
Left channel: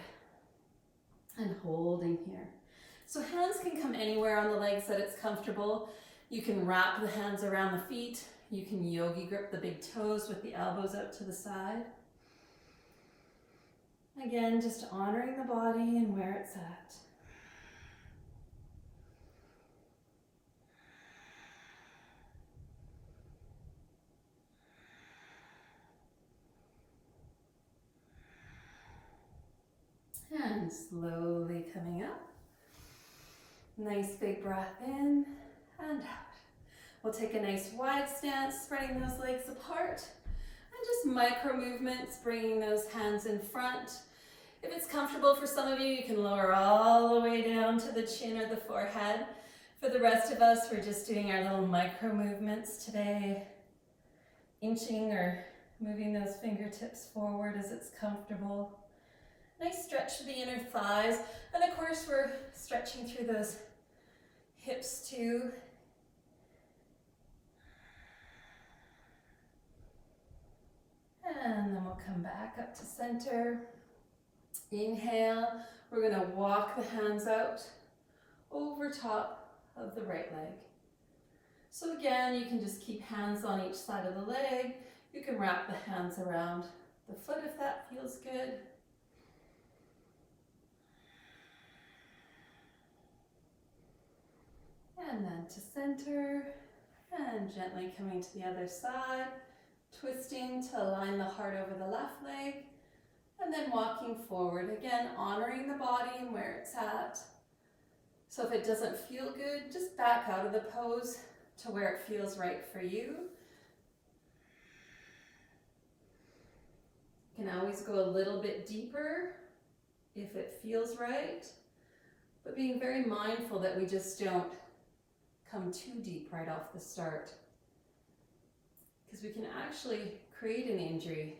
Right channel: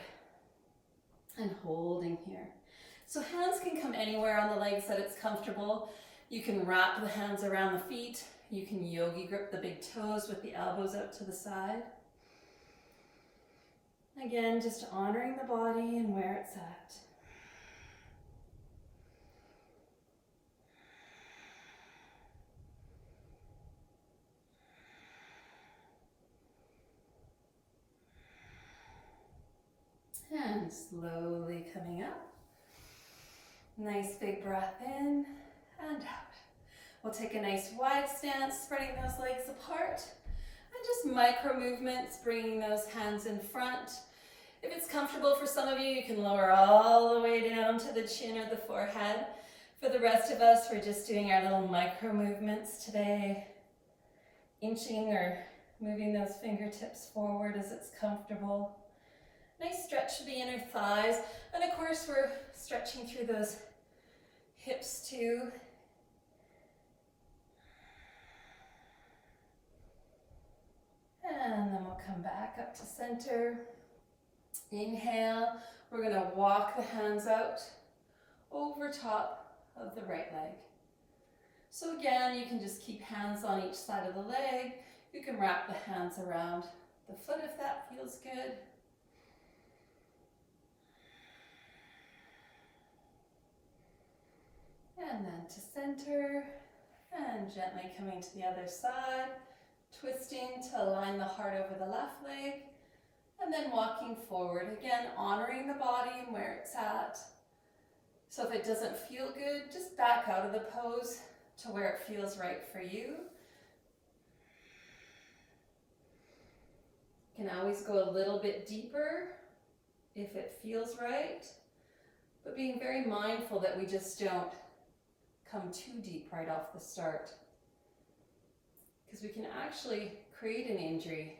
and holding here. So hands can come anywhere on the legs that it's comfortable. You can wrap the hands around the feet. You can yogi grip the big toes with the elbows out to the side. Again, just honoring the body and where it's at. And slowly coming up. Nice big breath in and out. We'll take a nice wide stance, spreading those legs apart. And just micro movements, bringing those hands in front. If it's comfortable for some of you, you can lower all the way down to the chin or the forehead. For the rest of us, we're just doing our little micro movements today. Inching or moving those fingertips forward as it's comfortable. Nice stretch to the inner thighs. And of course, we're stretching through those hips too. And then we'll come back up to center. Inhale. We're going to walk the hands out over top of the right leg. So again, you can just keep hands on each side of the leg. You can wrap the hands around the foot if that feels good. And then to center, and gently coming to the other side, twisting to align the heart over the left leg, and then walking forward, again honoring the body and where it's at. So if it doesn't feel good, just back out of the pose to where it feels right for you. You can always go a little bit deeper if it feels right, but being very mindful that we just don't come too deep right off the start, because we can actually create an injury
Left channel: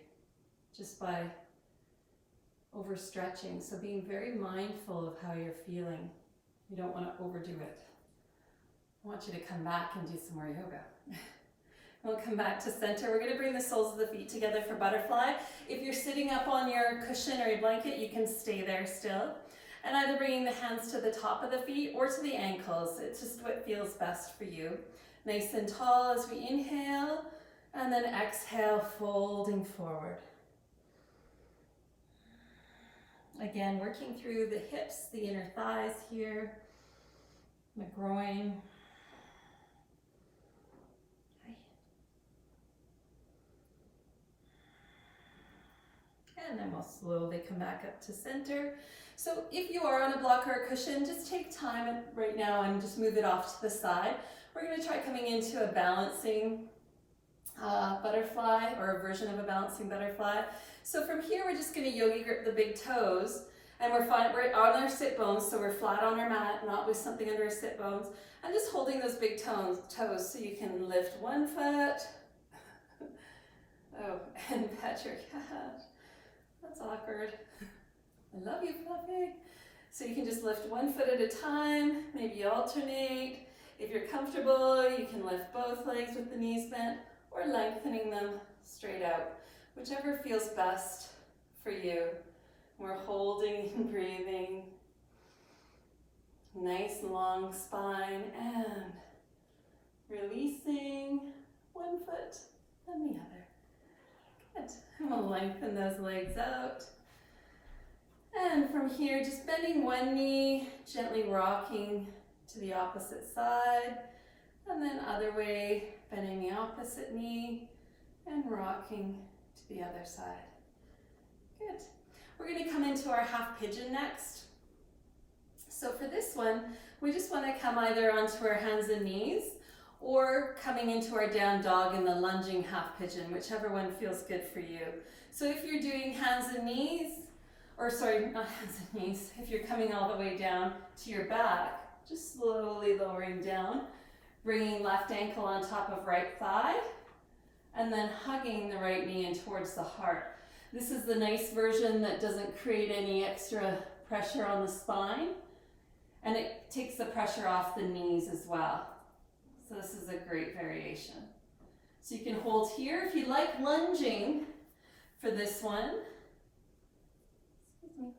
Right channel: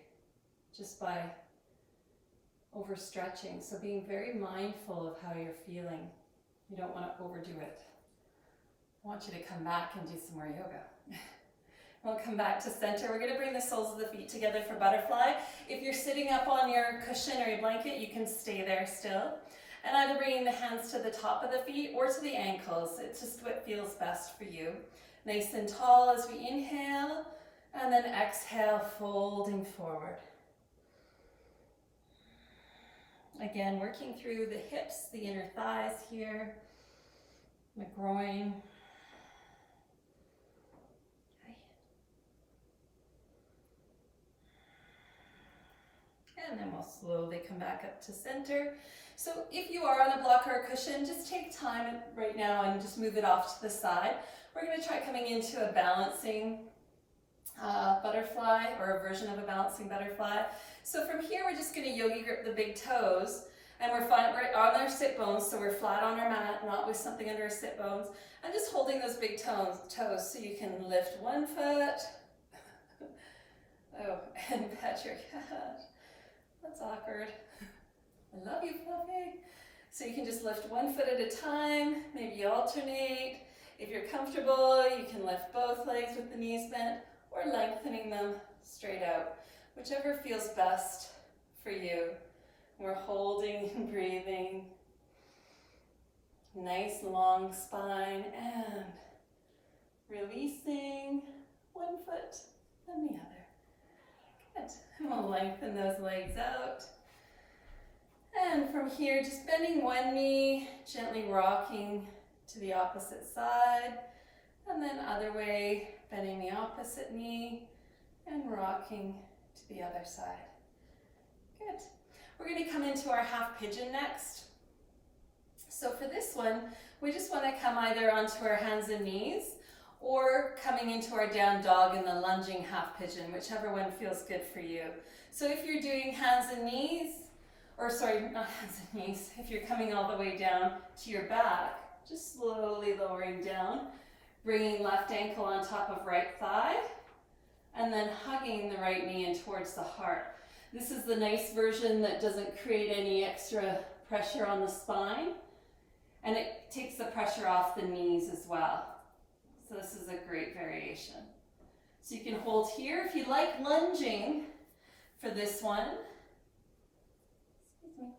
just by overstretching. So being very mindful of how you're feeling. You don't want to overdo it. I want you to come back and do some more yoga. We'll come back to center. We're going to bring the soles of the feet together for butterfly. If you're sitting up on your cushion or your blanket, you can stay there still. And either bringing the hands to the top of the feet or to the ankles. It's just what feels best for you. Nice and tall as we inhale, and then exhale, folding forward. Again, working through the hips, the inner thighs here, the groin. And then we'll slowly come back up to center. So if you are on a block or a cushion, just take time right now and just move it off to the side. We're going to try coming into a balancing butterfly, or a version of a balancing butterfly. So from here, we're just going to yogi grip the big toes, and we're on our sit bones, so we're flat on our mat, not with something under our sit bones, and just holding those big toes so you can lift one foot. Oh, and pat your cat. That's awkward. I love you, Fluffy. So you can just lift one foot at a time, maybe alternate. If you're comfortable, you can lift both legs with the knees bent, or lengthening them straight out, whichever feels best for you. We're holding and breathing. Nice long spine and releasing one foot and the other. Good. And we'll lengthen those legs out. And from here, just bending one knee, gently rocking to the opposite side. And then other way, bending the opposite knee and rocking to the other side. Good. We're going to come into our half pigeon next. So for this one, we just want to come either onto our hands and knees or coming into our down dog in the lunging half pigeon, whichever one feels good for you. So if you're doing hands and knees, or sorry, not hands and knees, if you're coming all the way down to your back, just slowly lowering down, bringing left ankle on top of right thigh, and then hugging the right knee in towards the heart. This is the nice version that doesn't create any extra pressure on the spine, and it takes the pressure off the knees as well. So this is a great variation. So you can hold here. If you like lunging for this one, excuse me,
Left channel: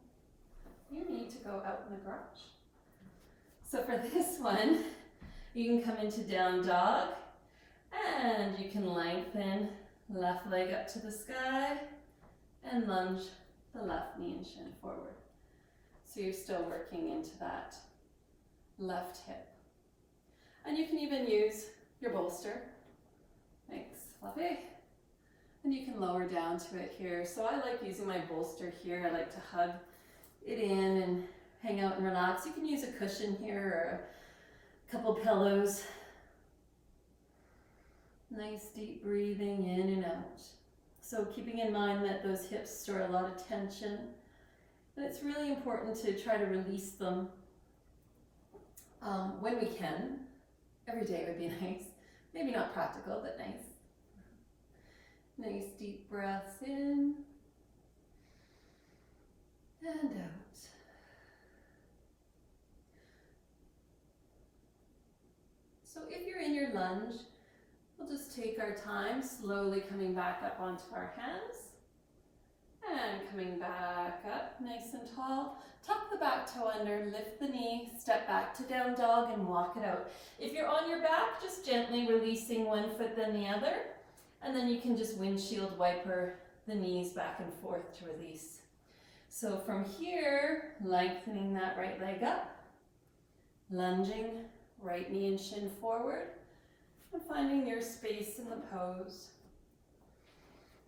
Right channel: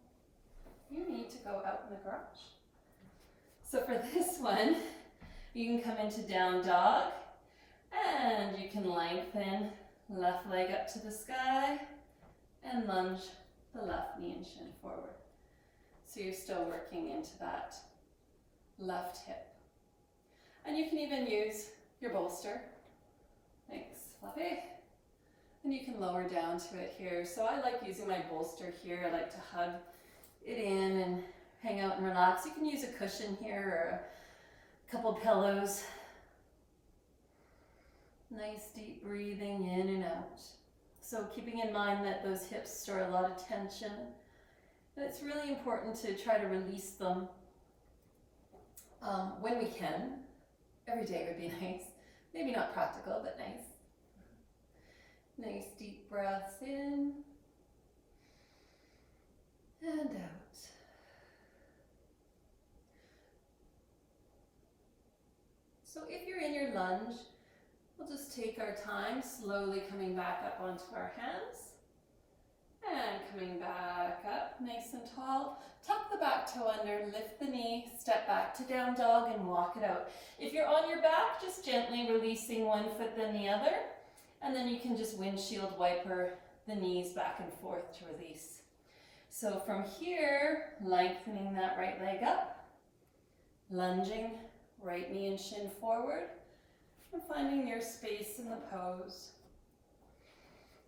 you need to go out in the garage. So for this one, you can come into down dog, and you can lengthen left leg up to the sky and lunge the left knee and shin forward. So you're still working into that left hip. And you can even use your bolster. Thanks, Fluffy. And you can lower down to it here. So I like using my bolster here. I like to hug it in and hang out and relax. You can use a cushion here or a couple pillows. Nice deep breathing in and out. So keeping in mind that those hips store a lot of tension. And it's really important to try to release them when we can. Every day would be nice. Maybe not practical, but nice. Nice deep breaths in and out. So if you're in your lunge, we'll just take our time, slowly coming back up onto our hands and coming back up nice and tall. Tuck the back toe under, lift the knee, step back to down dog and walk it out. If you're on your back, just gently releasing one foot then the other, and then you can just windshield wiper the knees back and forth to release. So from here, lengthening that right leg up, lunging, right knee and shin forward, and finding your space in the pose.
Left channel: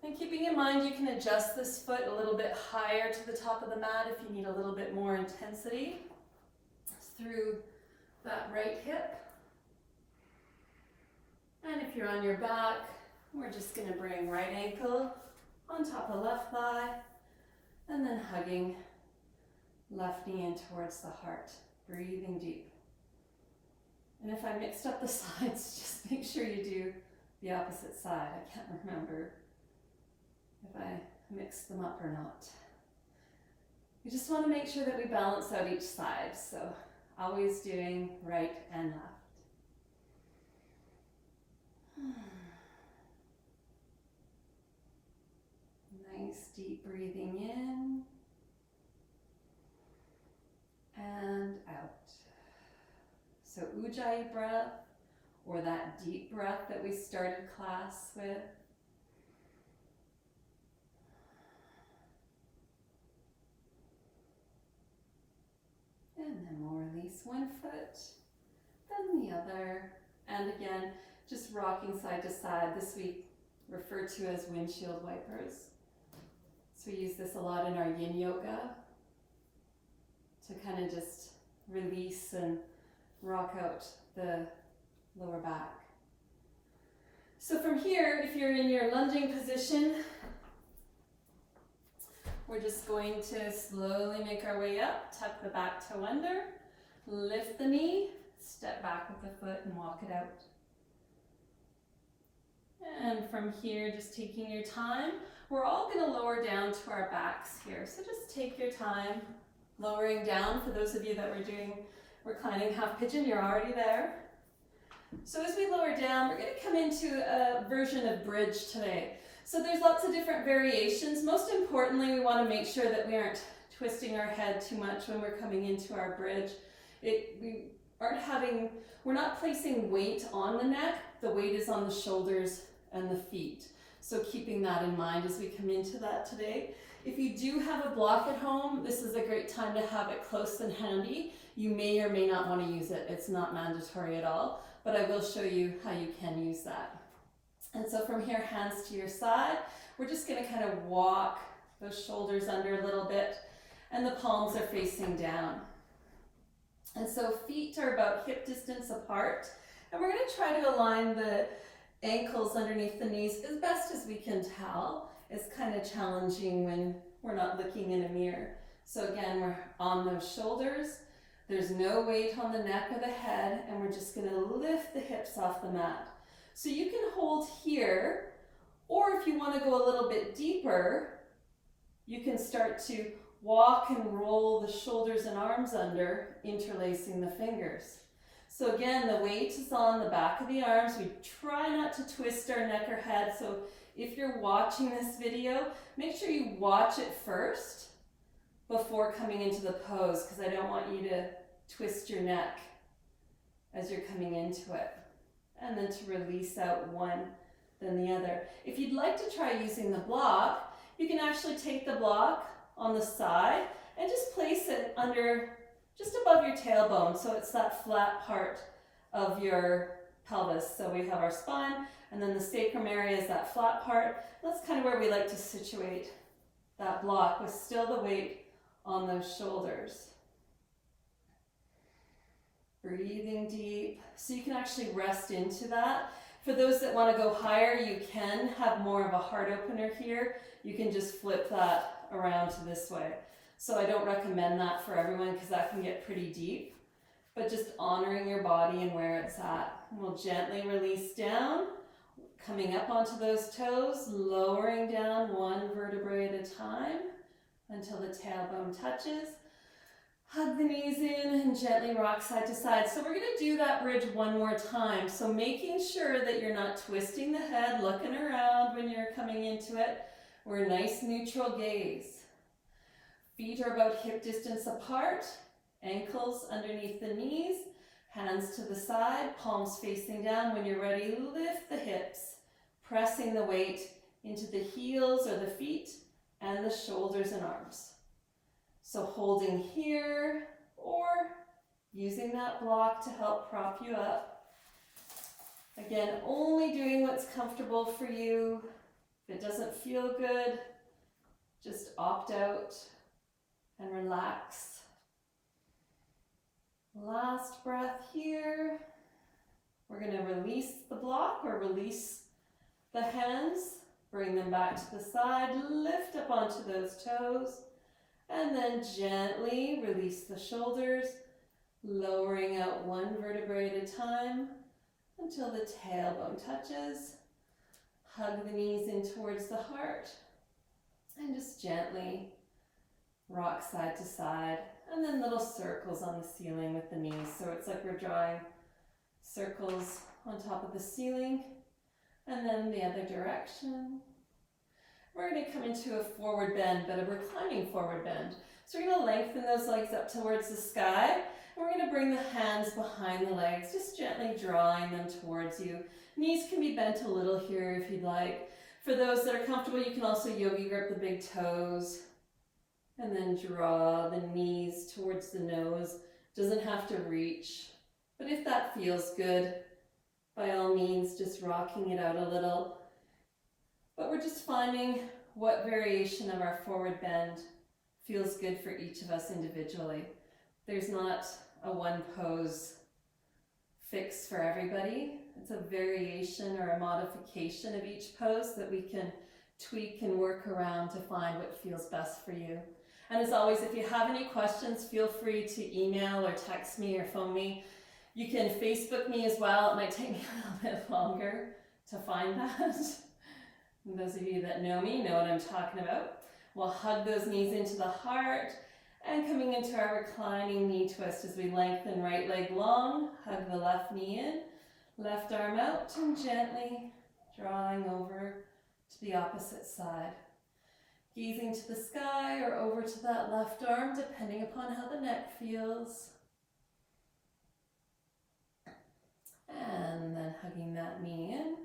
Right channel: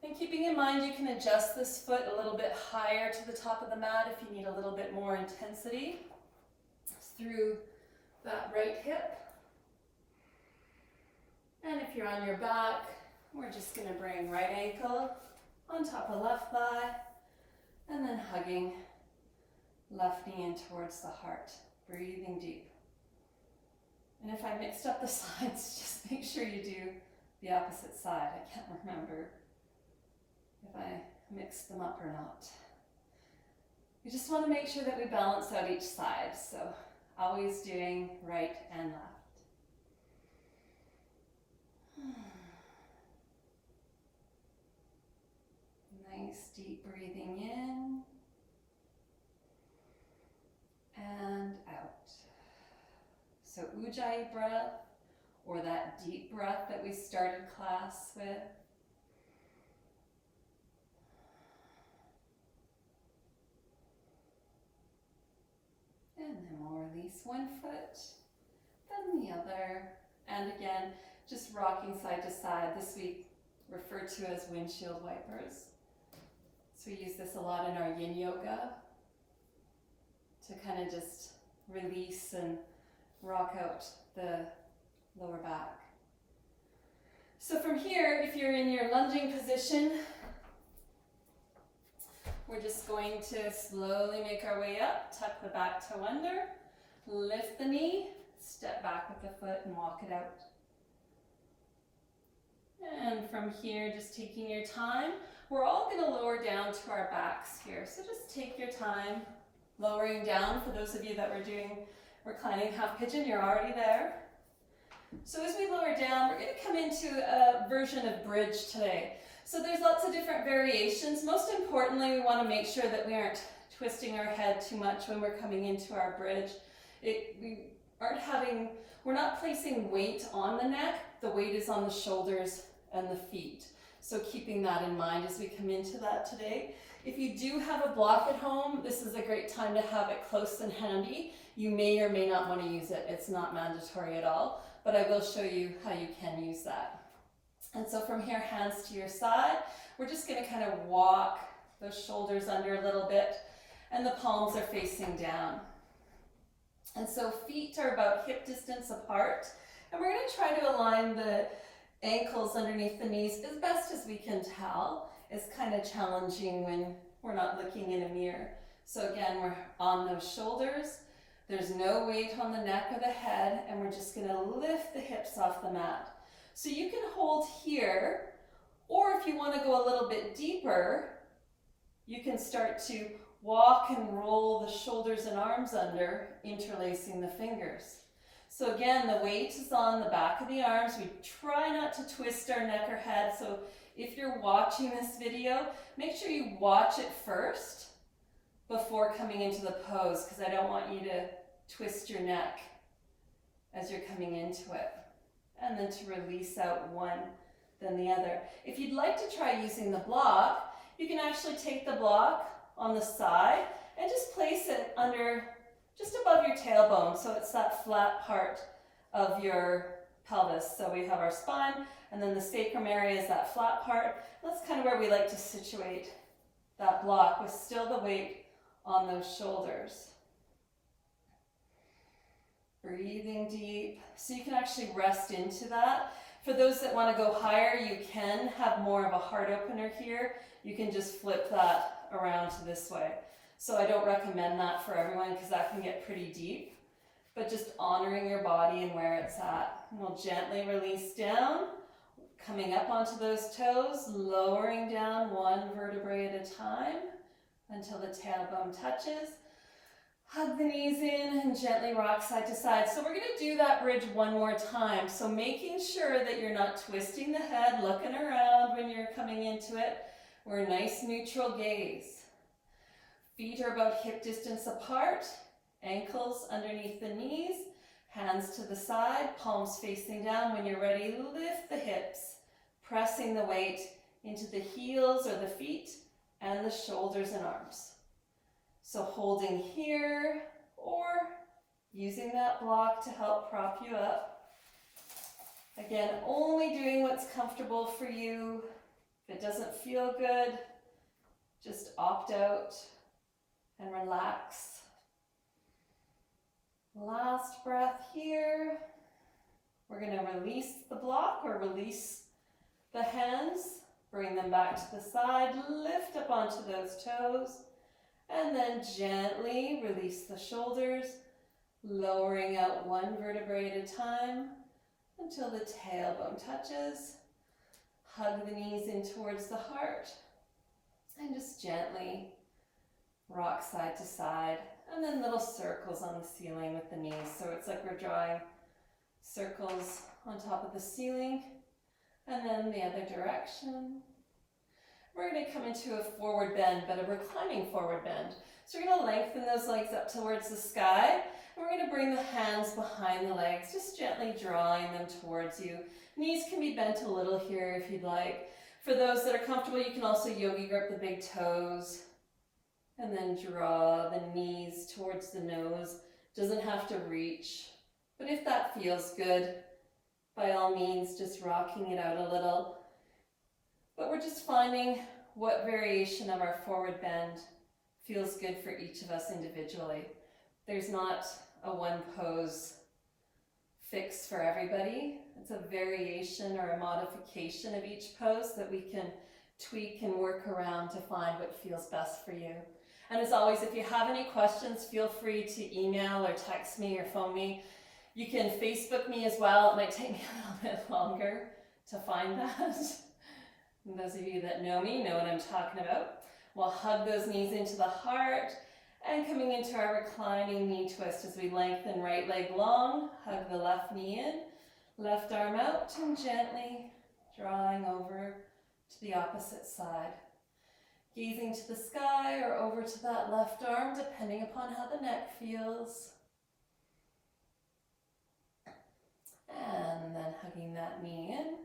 And keeping in mind you can adjust this foot a little bit higher to the top of the mat if you need a little bit more intensity through that right hip. And if you're on your back, we're just going to bring right ankle on top of left thigh and then hugging left knee in towards the heart, breathing deep. And if I mixed up the sides, just make sure you do the opposite side. I can't remember if I mixed them up or not. We just want to make sure that we balance out each side, so always doing right and left. Nice deep breathing in and out. So Ujjayi breath, or that deep breath that we started class with. And then we'll release one foot, then the other. And again, just rocking side to side. This we refer to as windshield wipers. So we use this a lot in our yin yoga to kind of just release and rock out the lower back. So from here, if you're in your lunging position, we're just going to slowly make our way up, tuck the back toe under, lift the knee, step back with the foot and walk it out. And from here, just taking your time, we're all going to lower down to our backs here. So just take your time, lowering down. For those of you that were doing reclining half pigeon, you're already there. So as we lower down, we're going to come into a version of bridge today. So there's lots of different variations. Most importantly, we want to make sure that we aren't twisting our head too much when we're coming into our bridge. we're not placing weight on the neck. The weight is on the shoulders and the feet. So keeping that in mind as we come into that today. If you do have a block at home, this is a great time to have it close and handy. You may or may not want to use it. It's not mandatory at all, but I will show you how you can use that. And so from here, hands to your side, we're just going to kind of walk those shoulders under a little bit, and the palms are facing down. And so feet are about hip distance apart, and we're going to try to align the ankles underneath the knees as best as we can tell. It's kind of challenging when we're not looking in a mirror. So again, we're on those shoulders. There's no weight on the neck or the head, and we're just going to lift the hips off the mat. So you can hold here, or if you want to go a little bit deeper, you can start to walk and roll the shoulders and arms under, interlacing the fingers. So again, the weight is on the back of the arms. We try not to twist our neck or head. So if you're watching this video, make sure you watch it first before coming into the pose, because I don't want you to twist your neck as you're coming into it. And then to release out one, then the other. If you'd like to try using the block, you can actually take the block on the side and just place it under, just above your tailbone, so it's that flat part of your pelvis. So we have our spine, and then the sacrum area is that flat part. That's kind of where we like to situate that block with still the weight on those shoulders. Breathing deep, so you can actually rest into that. For those that want to go higher, you can have more of a heart opener here. You can just flip that around to this way. So I don't recommend that for everyone because that can get pretty deep, but just honoring your body and where it's at. And we'll gently release down, coming up onto those toes, lowering down one vertebrae at a time until the tailbone touches. Hug the knees in and gently rock side to side. So we're going to do that bridge one more time. So making sure that you're not twisting the head, looking around when you're coming into it. We're a nice neutral gaze. Feet are about hip distance apart, ankles underneath the knees, hands to the side, palms facing down. When you're ready, lift the hips, pressing the weight into the heels or the feet and the shoulders and arms. So holding here or using that block to help prop you up. Again, only doing what's comfortable for you. If it doesn't feel good, just opt out and relax. Last breath here. We're going to release the block or release the hands. Bring them back to the side. Lift up onto those toes. And then gently release the shoulders, lowering out one vertebrae at a time until the tailbone touches. Hug the knees in towards the heart and just gently rock side to side. And then little circles on the ceiling with the knees. So it's like we're drawing circles on top of the ceiling. And then the other direction. We're going to come into a forward bend, but a reclining forward bend. So we're going to lengthen those legs up towards the sky. And we're going to bring the hands behind the legs, just gently drawing them towards you. Knees can be bent a little here if you'd like. For those that are comfortable, you can also yogi grip the big toes. And then draw the knees towards the nose. Doesn't have to reach. But if that feels good, by all means, just rocking it out a little. But we're just finding what variation of our forward bend feels good for each of us individually. There's not a one pose fix for everybody. It's a variation or a modification of each pose that we can tweak and work around to find what feels best for you. And as always, if you have any questions, feel free to email or text me or phone me. You can Facebook me as well. It might take me a little bit longer to find that. And those of you that know me know what I'm talking about. We'll hug those knees into the heart and coming into our reclining knee twist as we lengthen right leg long, hug the left knee in, left arm out and gently drawing over to the opposite side. Gazing to the sky or over to that left arm depending upon how the neck feels. And then hugging that knee in.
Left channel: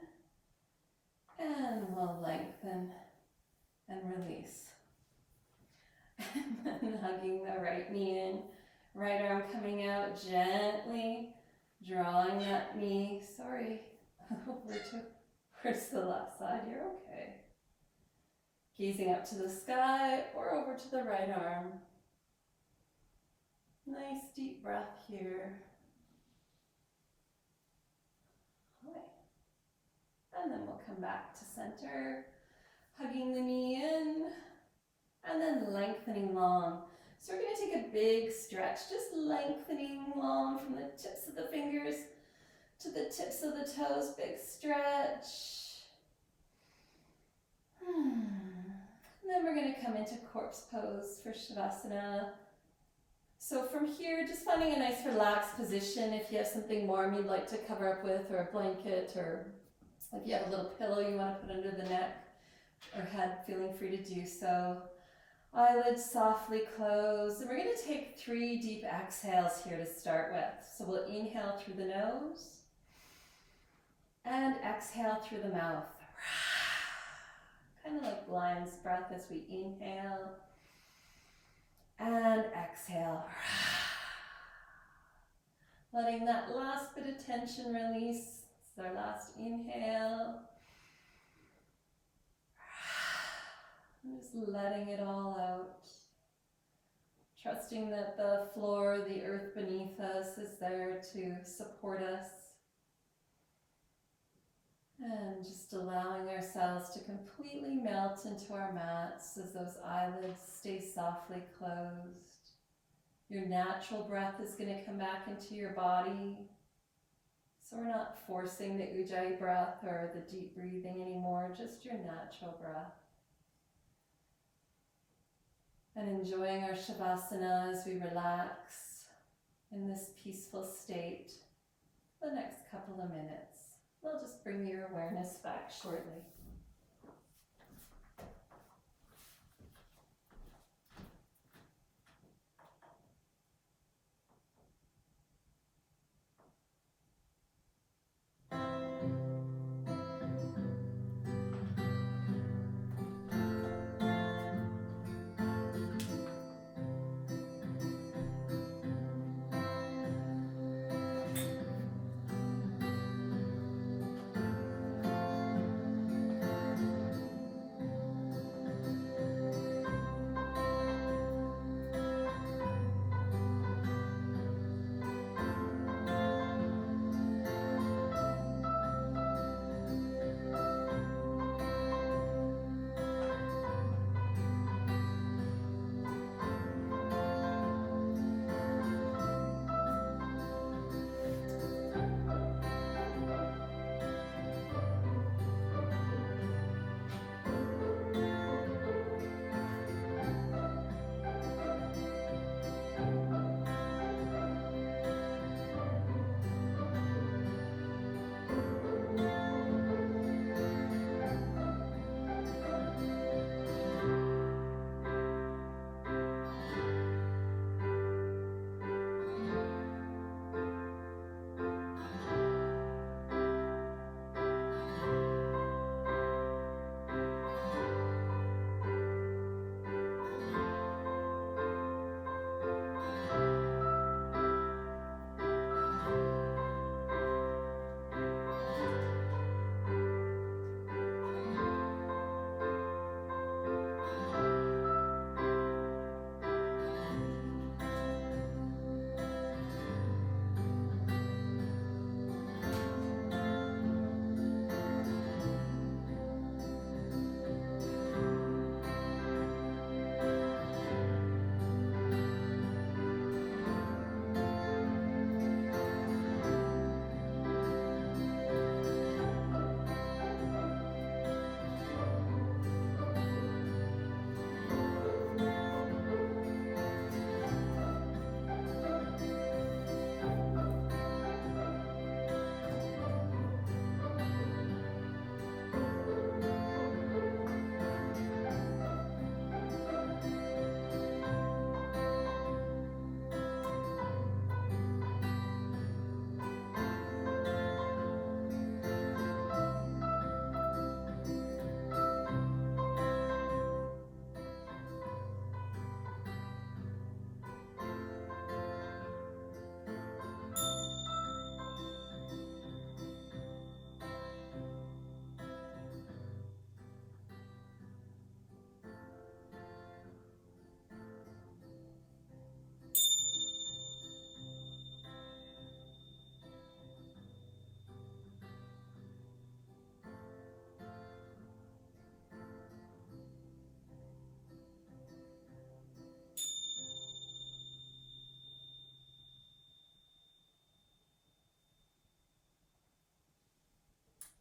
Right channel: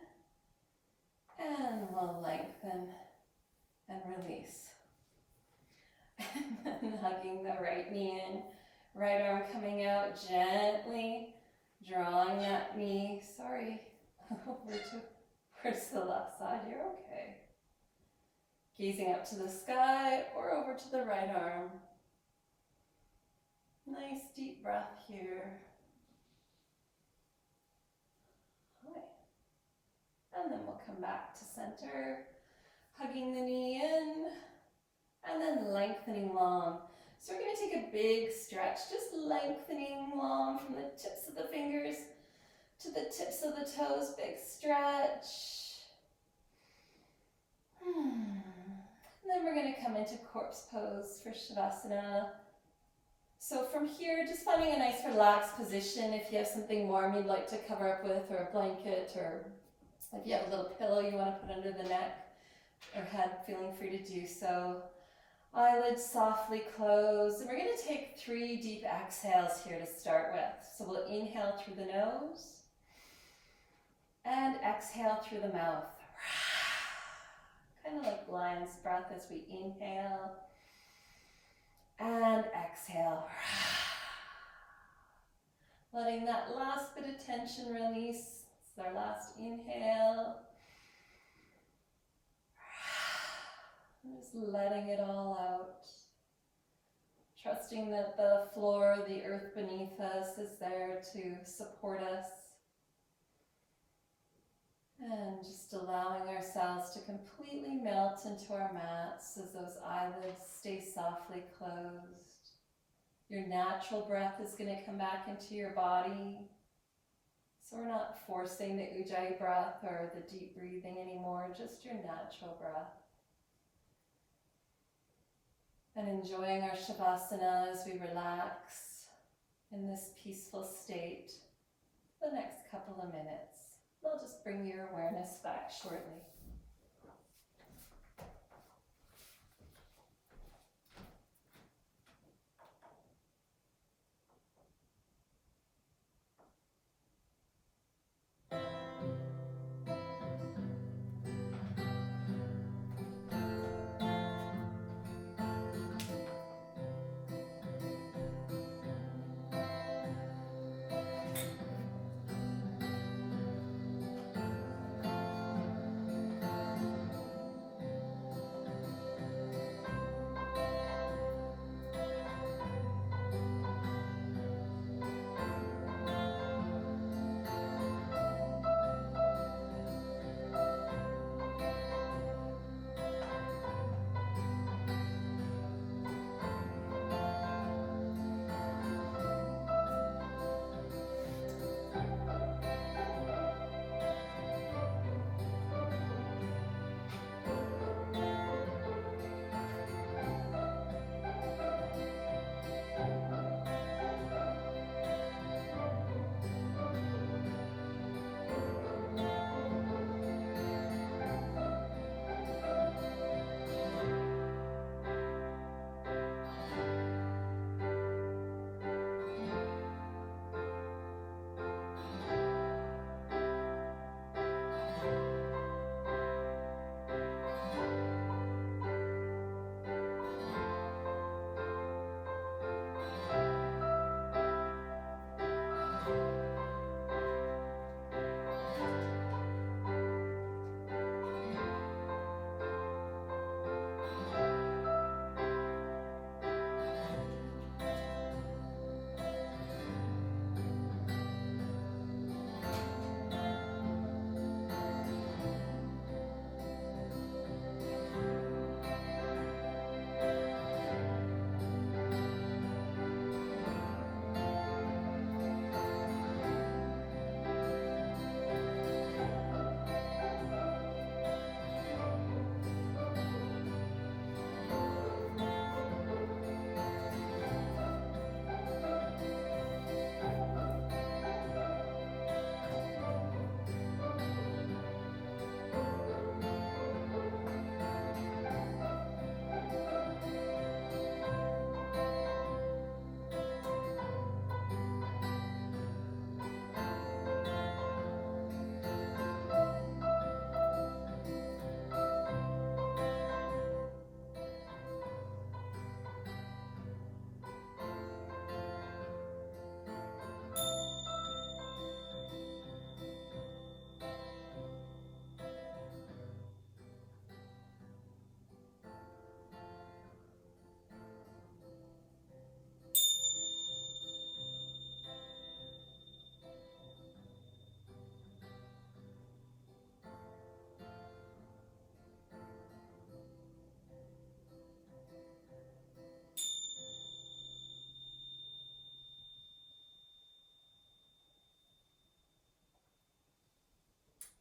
And we'll lengthen and release. And then hugging the right knee in. Right arm coming out gently, drawing that knee, over towards the left side. You're okay. Gazing up to the sky or over to the right arm. Nice deep breath here. And then we'll come back to center, hugging the knee in, and then lengthening long. So we're going to take a big stretch, just lengthening long from the tips of the fingers to the tips of the toes. Big stretch. And then we're going to come into corpse pose for Shavasana. So from here, just finding a nice relaxed position. If you have something warm you'd like to cover up with, or a blanket, or if you have a little pillow you want to put under the neck or head, feeling free to do so. Eyelids softly closed. And we're going to take 3 deep exhales here to start with. So we'll inhale through the nose and exhale through the mouth. Kind of like lion's breath as we inhale and exhale. Letting that last bit of tension release. It's our last inhale. And just letting it all out. Trusting that the floor, the earth beneath us is there to support us. And just allowing ourselves to completely melt into our mats as those eyelids stay softly closed. Your natural breath is going to come back into your body. So we're not forcing the Ujjayi breath or the deep breathing anymore, just your natural breath. And enjoying our Shavasana as we relax in this peaceful state for the next couple of minutes. We'll just bring your awareness back shortly.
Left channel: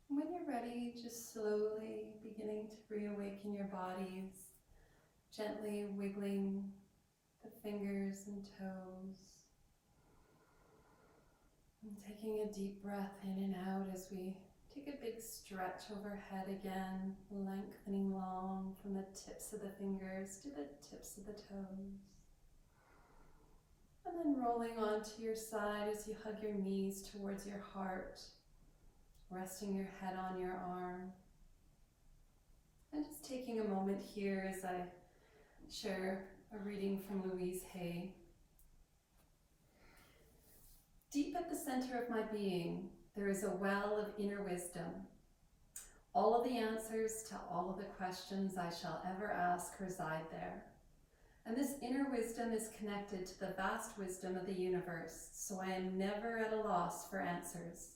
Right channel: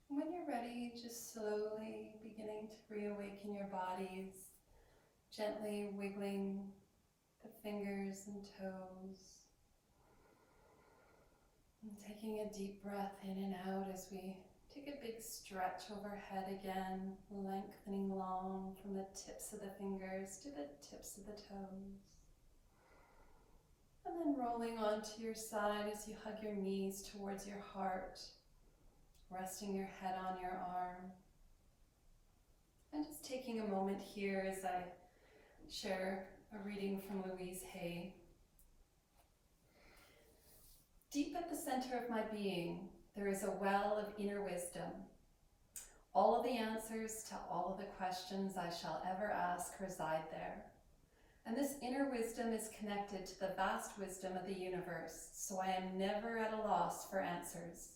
When you're ready, just slowly beginning to reawaken your bodies, gently wiggling the fingers and toes, and taking a deep breath in and out as we take a big stretch overhead again, lengthening long from the tips of the fingers to the tips of the toes. And then rolling onto your side as you hug your knees towards your heart, resting your head on your arm. And just taking a moment here as I share a reading from Louise Hay. Deep at the center of my being, there is a well of inner wisdom. All of the answers to all of the questions I shall ever ask reside there. And this inner wisdom is connected to the vast wisdom of the universe, so I am never at a loss for answers.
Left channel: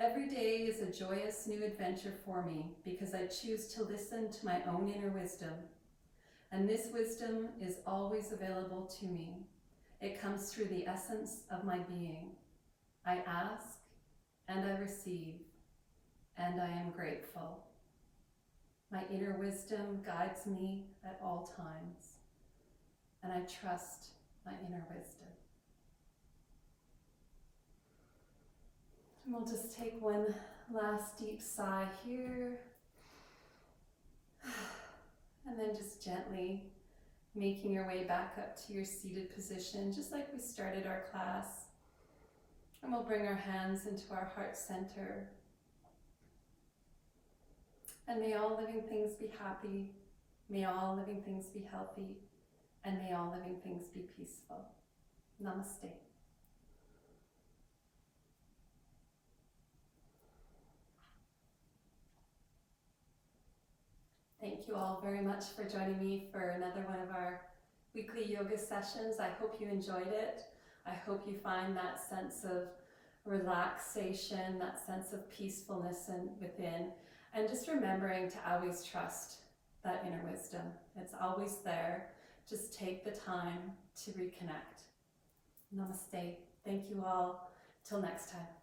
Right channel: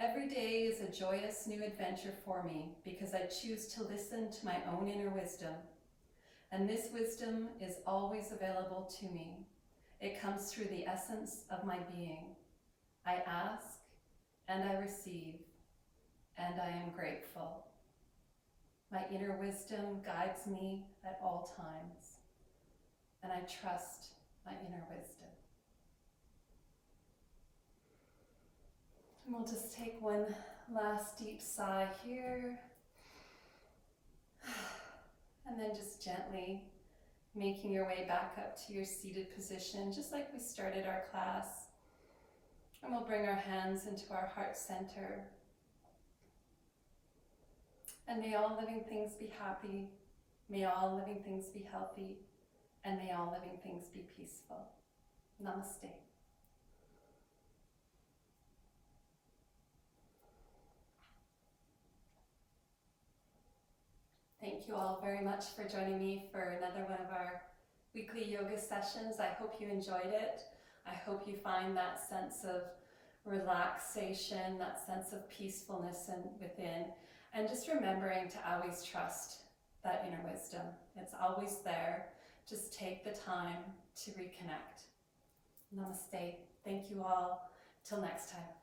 Every day is a joyous new adventure for me because I choose to listen to my own inner wisdom. And this wisdom is always available to me. It comes through the essence of my being. I ask and I receive, and I am grateful. My inner wisdom guides me at all times, and I trust my inner wisdom. And we'll just take one last deep sigh here, and then just gently making your way back up to your seated position, just like we started our class. And we'll bring our hands into our heart center. And may all living things be happy, may all living things be healthy, and may all living things be peaceful. Namaste. Thank you all very much for joining me for another one of our weekly yoga sessions. I hope you enjoyed it. I hope you find that sense of relaxation, that sense of peacefulness within, and just remembering to always trust that inner wisdom. It's always there. Just take the time to reconnect. Namaste. Thank you all. Till next time.